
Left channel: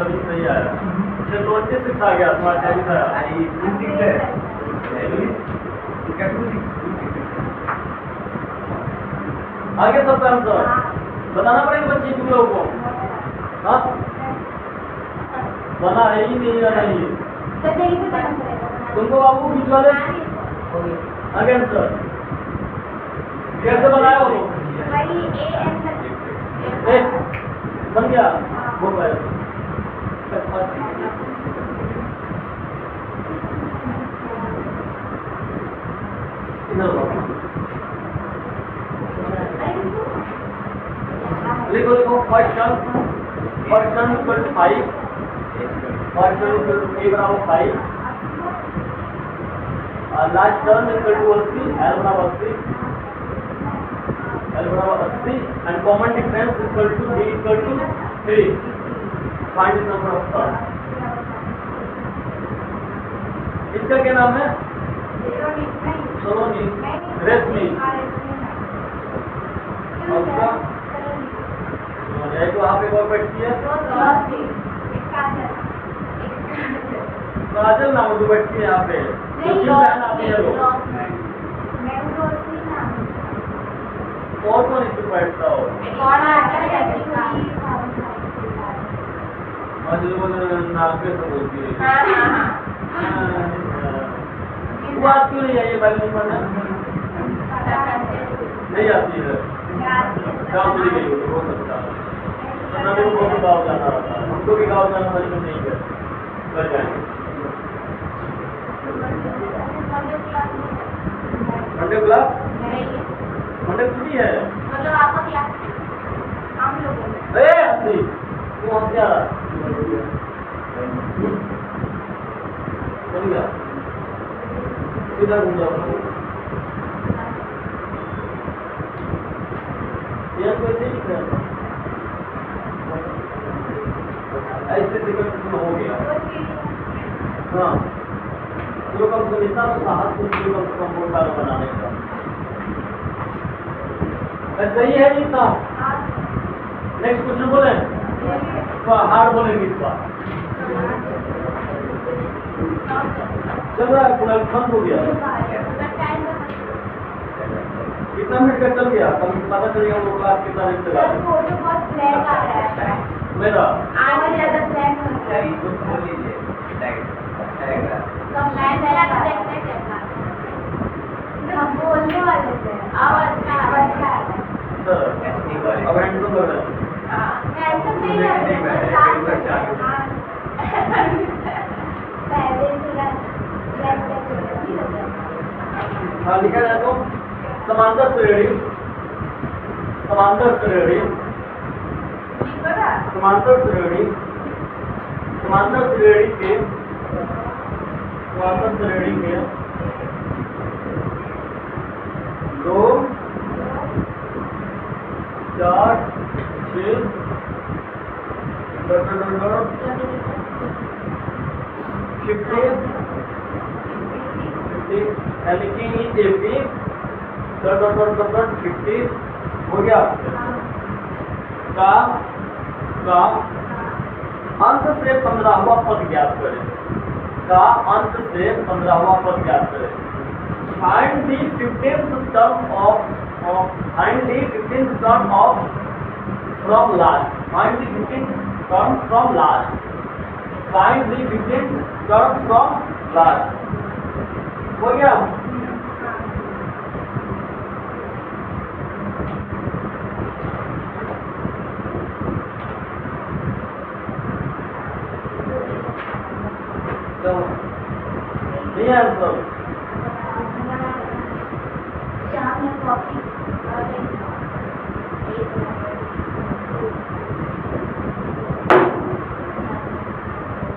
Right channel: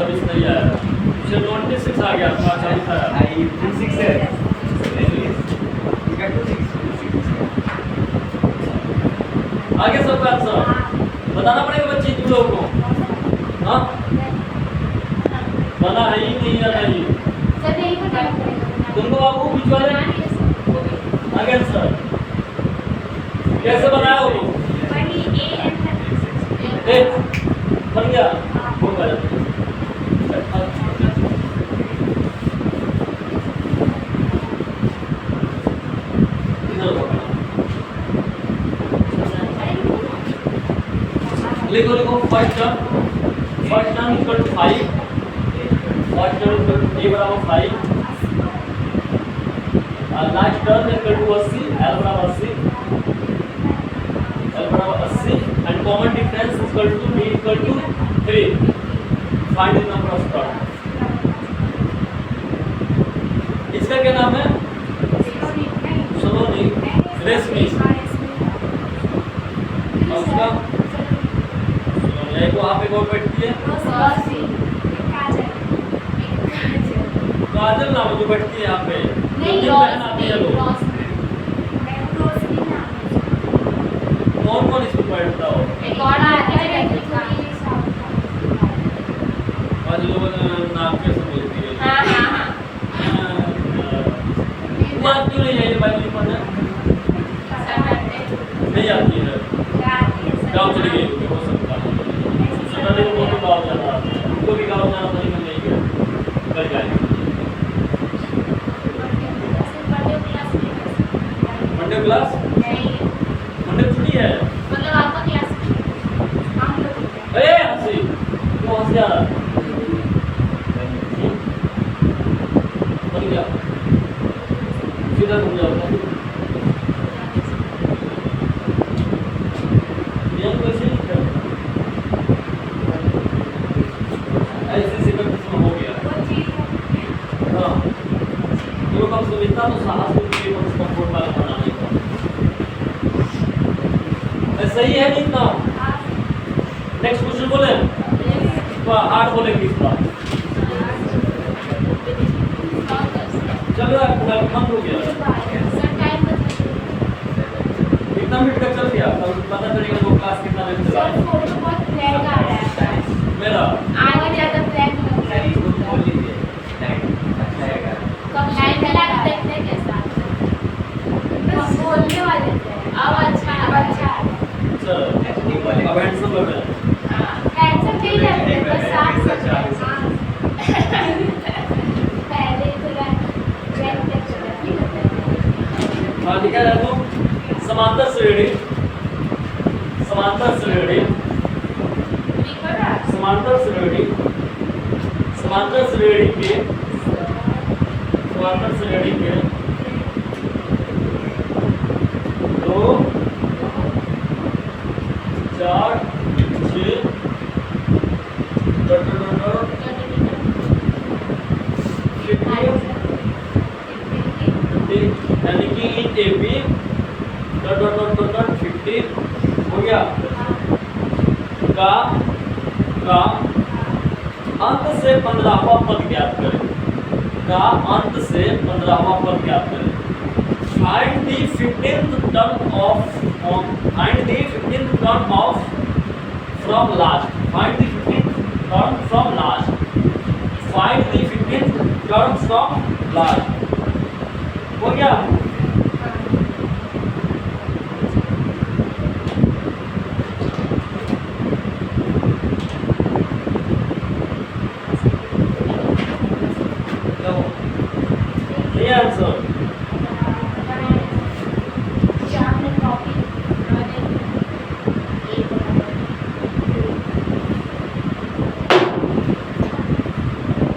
26 नहीं आया, मुझे 26 आ गया, तुम्हारा 40 आया। 26 है। इसका 26। आगे सबका आंसर बताना पड़ेगा बच्चे तुम लोगों को। हाँ बना है ही नहीं है नहीं सर नहीं बताना पड़ेगा तुमको बाबू बीच वाले। आगे आंसर कैसे बनाया हो तुम? ए बन गया वो कर लिखो लिखो first term equal to 5, first term equal to a बराबर 5, last term equal to 80, l बराबर 80 and common difference equal to b equal to 3। Find the number of term. इसका क्या नाम है? सोलोनी रेशमी। और उसका एक वहाँ पे और बैठती है काजल नाम जो बैठती है यहाँ पे। नहीं बहन आती है लोग। रोशनी। कौन कौन इसको बैठता हो? एक और आता है और जो लोग नाक पे से बोलती है। हाँ हाँ हाँ वो आप क्यों नहीं आई बाइक नहीं पढ़ना? नहीं आती है, गाँव चली गई होगी, हो सकता है। सोनाली को बहुत गाँव जाना रहता है, उनको भी गाँव जाना था लेकिन नहीं गया, कर जाएंगे। Monday class? मंडे छुट्टी है। मतलब आपका क्लास हम लोग ए हंसी क्यों हंस जा रहा? बन गया सीधा घूम जाओ। ये कैसे लिखा है? ऐसे सेकंड में हो गया। हाँ ये कम से कम इतना तो साहस को चाहिए कम से कम बोर्ड वाला बनाने का। सही है नहीं इतना? नेक्स्ट क्वेश्चन बोले तो हार्ड बोलेंगे इस बार। चल रहा है पूरा खत्म हो गया। कितना मिनट का चल गया? कल पता चलेगा वो क्लास कितना मिनट चला। सर फोटो बहुत ब्लैक आ रहा है मेरा आगे ज्यादा ब्लैक हो गया। इसको खोल लीजिए। लाइट अच्छा है। कब लाइन चला के देखते हैं कैसा। हम बोलने वाले थे अब अच्छा अब अच्छा है। चलो अब हैंडसम कर रहे हैं। कैंसर नहीं है बस साफ हो गया। पहले थोड़ा चेक नहीं होता है। हाँ लिखा जाए तो समांतर श्रेणी समांतर श्रेणी समांतर श्रेणी समांतर श्रेणी के दो 4 6 यानी कि AP .50 हो गया का अंत से 15वां पद ज्ञात करें। का अंत से 15वां पद ज्ञात करें। Find the 15th term of from last. Find the 15th term from last. Find the 15th term from last. हो गया? नहीं आंसर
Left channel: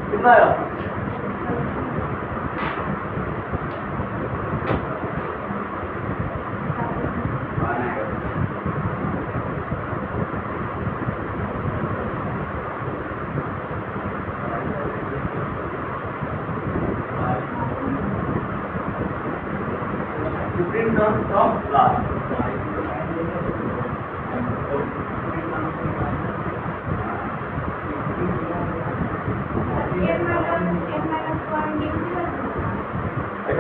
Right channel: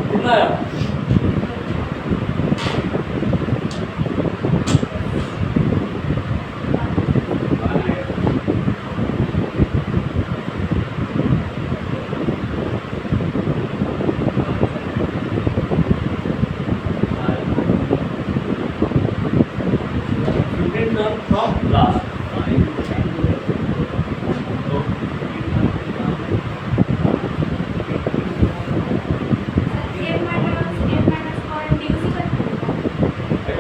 कितना आया?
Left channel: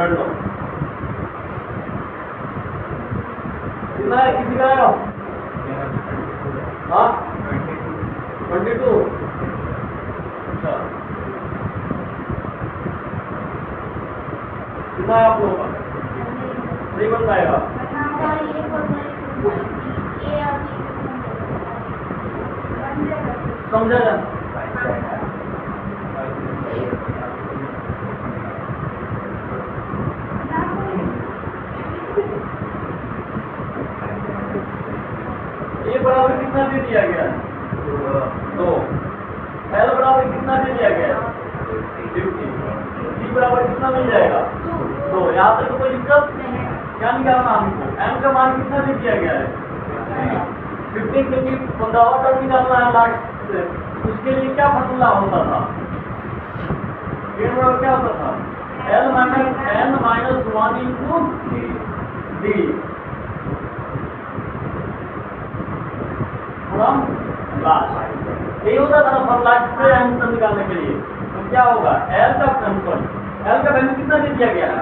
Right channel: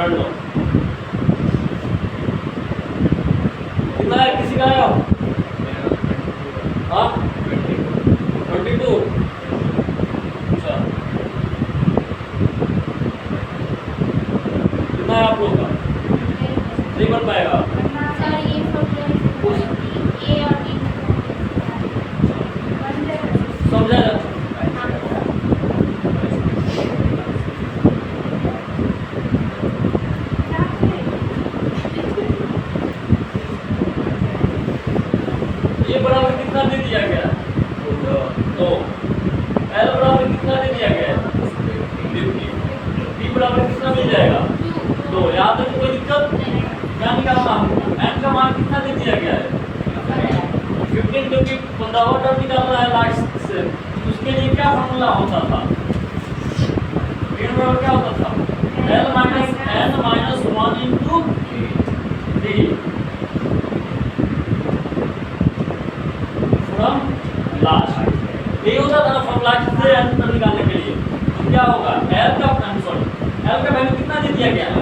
पढ़ लो। कितना है किसी का है? हाँ 22। अच्छा कितना है आप लोगों का? नहीं बन पाएगा। सर ये फॉर्मूला ए और बी समझा जा ये बराबर कितना दे दिया गया? 2। L बराबर कितना दे दिया गया? 50। B बराबर कितना मिल जाएगा? 2। यहाँ तक तो कोई दिक्कत क्या निकालना हमको? n का मान कितना दे दिया गया है? 15 क्योंकि 15वां टर्म निकालना है लास्ट से। उसके लिए क्या फॉर्मूला होता था? बराबर क्या होता था? L minus n minus 1 into D from last. यही होता था ना फ्रॉम लास्ट से n तक निकालने के लिए। तो क्या होगा? L का L का वैल्यू कितना दे दिया गया है?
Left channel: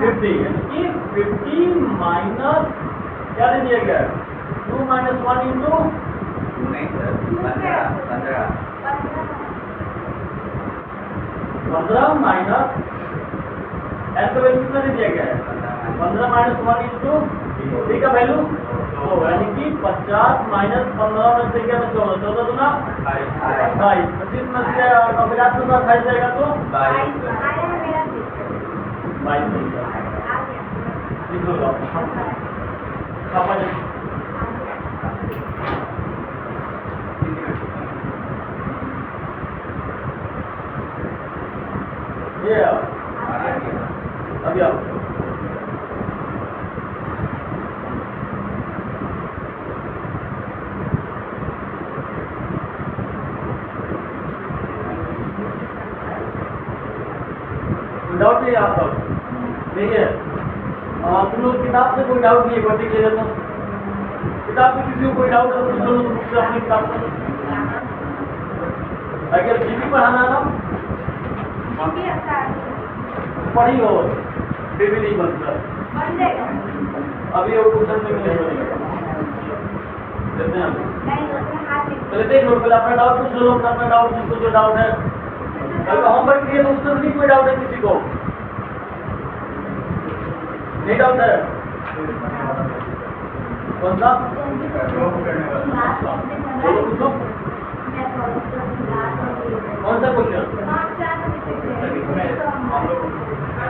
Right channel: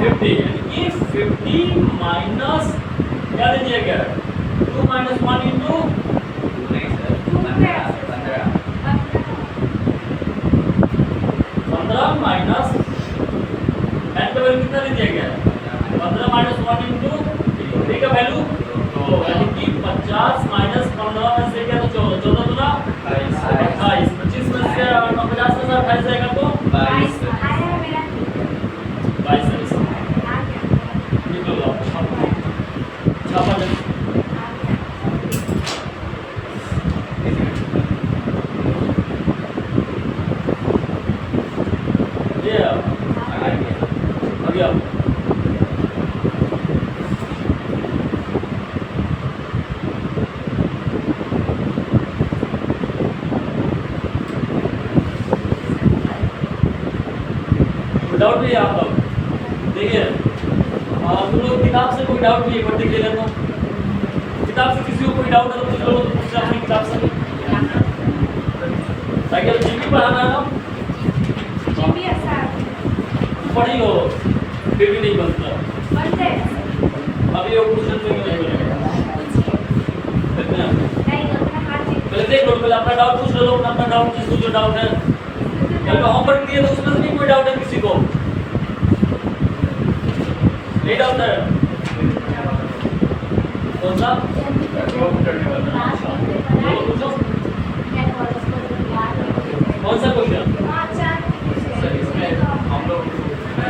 50 यानी कि 50 माइनस क्या दे दिया गया? 2 माइनस 1 इंटू नहीं सर 15 15 माइनस n का वैल्यू कितना दे दिया गया है? 15 माइनस 1 इंटू d का वैल्यू तो यानी कि 50 माइनस 15 में से क्या था? 14 14 दूना 28 25 में से 50 में से 28 जाएगा तो 22 22 निकल जाओ छापा दे। ये अभी आओ डाउट नहीं है आप लोग? देखिए तुम लोग किताब से कोई डाउट नहीं है? वर्दी ले लेता हूँ। किताब से किसी को कोई डाउट है तो पूछ लो, तो अपनी किताब से ताकि जीपी पढ़ाना है ना पढ़ी हो फिर भी नहीं बनता। अभी वो क्वेश्चन में नहीं बनेगा। पहले देख लो, पहले अपना डाउट पूछ लो, अपना डाउट जिसको जो डाउट है। कल होमवर्क दिए तो उसमें से भी कोई डाउट है किसी को? नहीं डाउट है? कौन सा? बोलो पूछो। कौन सा क्वेश्चन?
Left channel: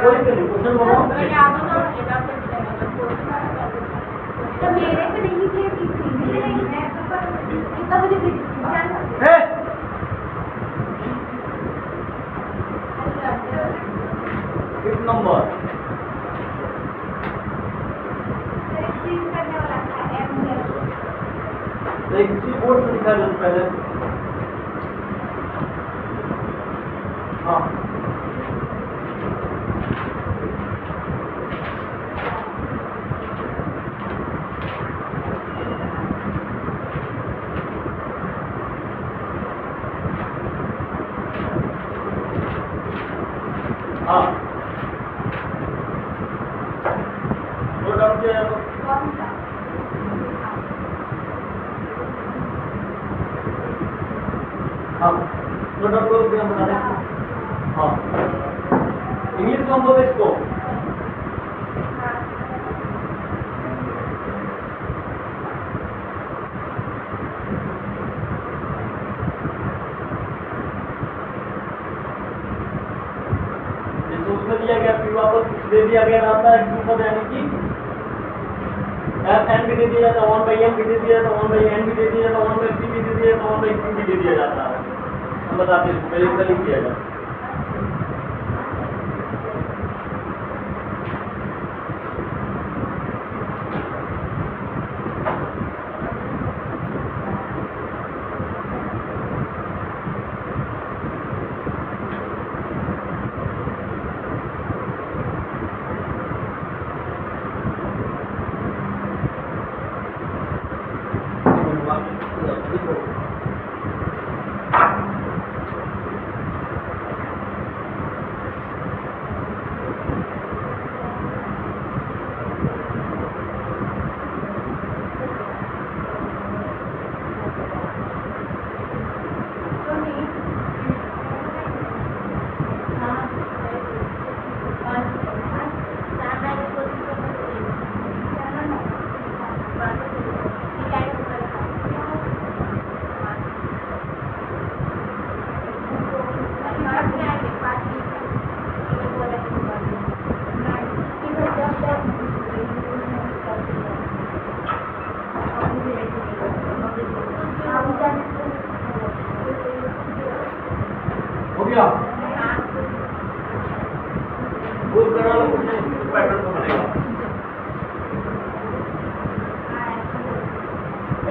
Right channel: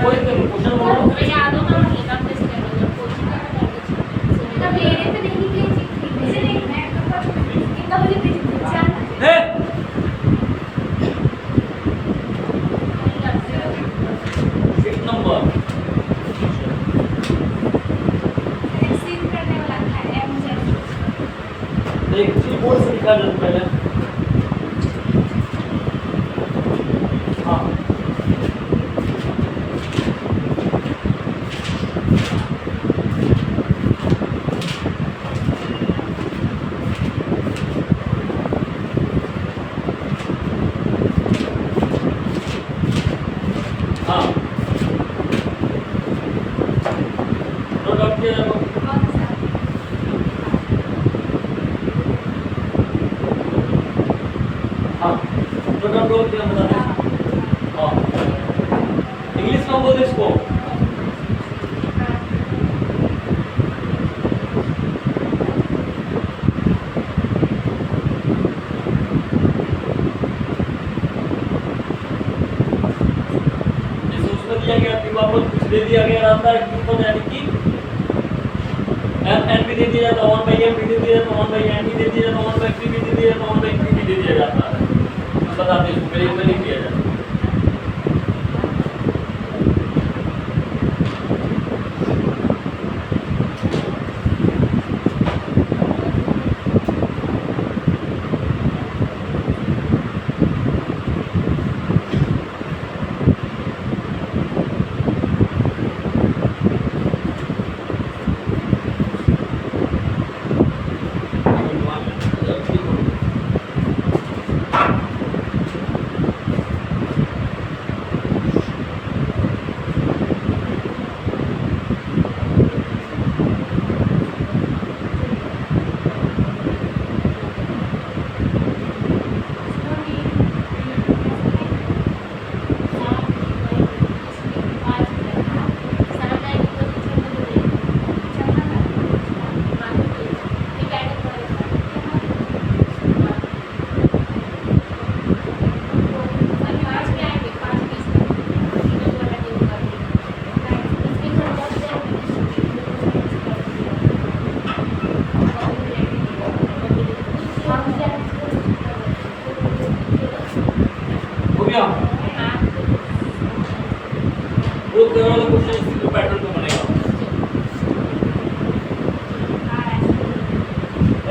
कोई नहीं क्वेश्चन बोलो। याद होता है लेकर कैसे करना तो मेरे पे नहीं भेजी थी मुझे नहीं मैं कितना बजे भेजी थी 4 है सिक्स नंबर सीन करने वाला था एम देख जी बोर्ड से निकाल लो पहले। हाँ हाँ और डाउट किया जाए कौन सा हाँ तो डाउट बोल के हम बता दें। हाँ इंग्लिश में बोल इसको उसमें दिया गया पी वापस कुछ दे दिया गया रहता है क्यों पर यानी कि एन भी दे दिया जाता है 1 बाई एन भी दे दिया जाता है 1 बाई एन भी दे दिया जाता है 1 बाई पी भी दे दिया जाता है 1 बाई पी भी दे दिया जाता है। हम बताते हैं इसको पहले इसमें लिख दिया जाता है। गया वो करने वाला क्वेश्चन इसी पैटर्न में बनेगा।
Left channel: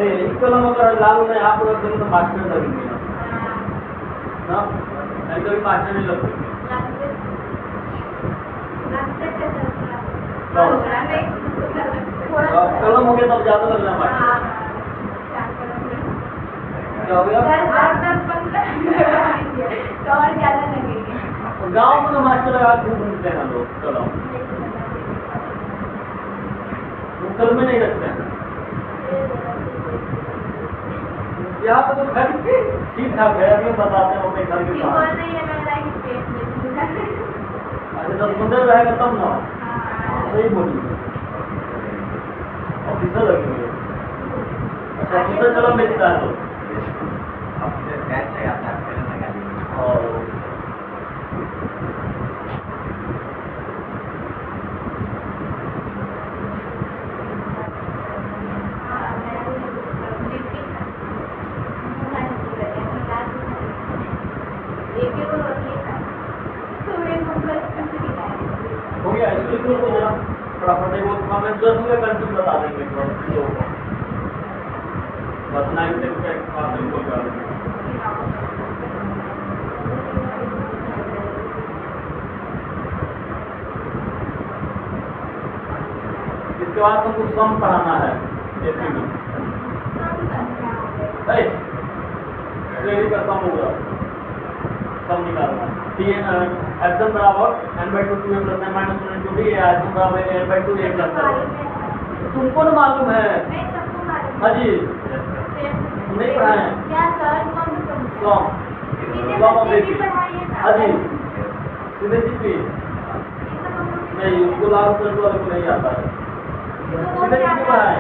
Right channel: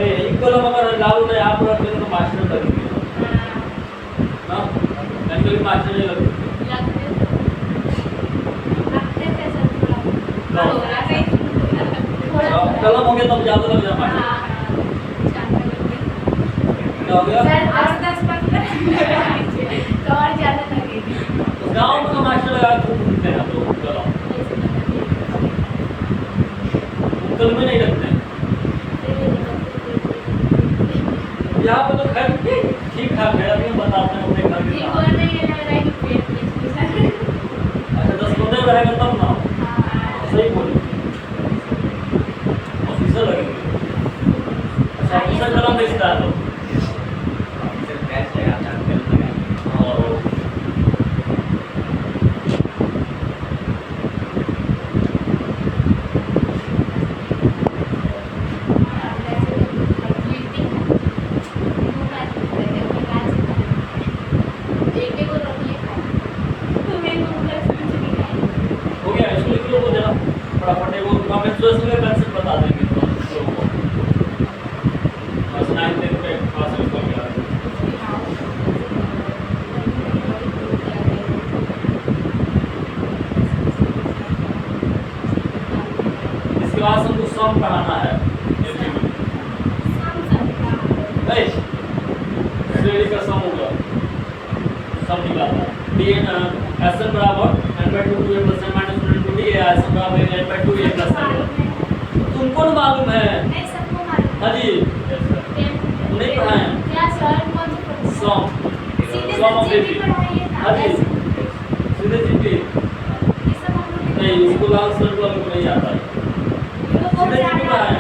एक कलम अगर लाल होता है यहाँ पर रखेंगे तो मास्टर लगेंगे ना, यानी कभी मास्टर नहीं लगते। अब कलम हो गया तब ज्यादा लग जाए मास्टर। क्या हो गया? गाँव में तो मास्टर लगा खूब घूमते हैं लोग कलम, कलम में नहीं रखते हैं। यहाँ पे तो खैर ठीक ठाक है, अभी हम बताते हैं अपने घर के पास। अच्छा 10-15 रहेगा तब ना, सही बोली ऑफिसर लगेंगे। अच्छा ऑफिसर कलम बेचता है लोग। ऑफिसर कैश है, आप जानते हैं लगा। हो गया, इसको लिख लो, वो देना फटाफट। वो मेंस्ट्रुएशन का कंसेप्ट बता देंगे तो लोगों को बस 9 तक पे पास रिकॉर्ड करा देंगे। इसके बाद हमको सम पढ़ाना है एपी में। भाई श्रेणी का सम होगा, सम निकालना है। डी एस एन बराबर n by 2 2a plus n minus 1 into d है, एस एन बराबर n by 2a plus n। तुमको ना मालूम है? हाँ जी नहीं पढ़ाए सम, सम ऑफ एपी। हाँ जी सीधे जीपी नहीं, उसको लाल शर्ट वाले को नहीं आता है, सीधे जीपी पढ़ाए।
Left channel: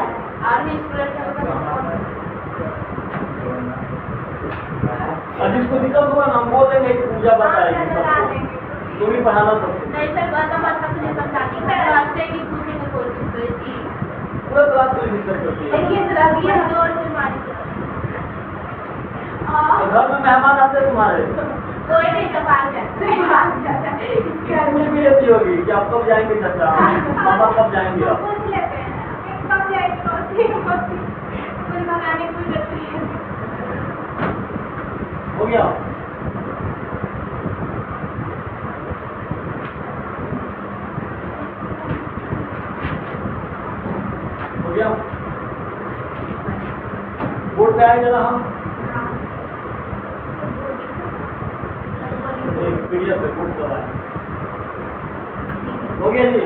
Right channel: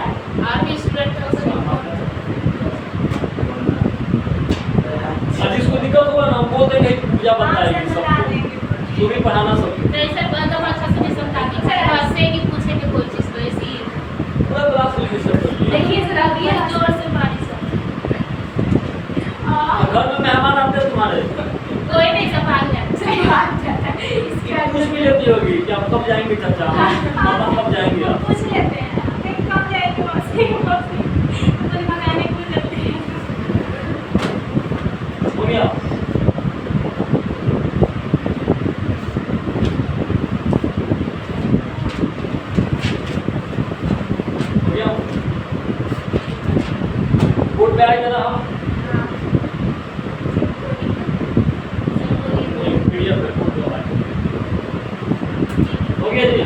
जिसको दिक्कत होगा ना हम बोल देंगे कि पूजा बताएगी सबको, तू भी पढ़ाना सबको। पूरा क्लास को डिस्टर्ब करती है। घर में मेहमान आते हैं तुम्हारे, कोई नहीं सब भाग जाता है। पूछ भी लेती होगी कि आप कब जाएंगे चाचा, पापा कब जाएंगे आप। पूछ लेते हैं कब जाएंगे मौसी, मुझे मकाने पूछ लेते हैं। हो गया? हो गया? बोर्ड पे आएगा ना हम पीडीएफ पे बोर्ड पे आएगा। हो गया जी?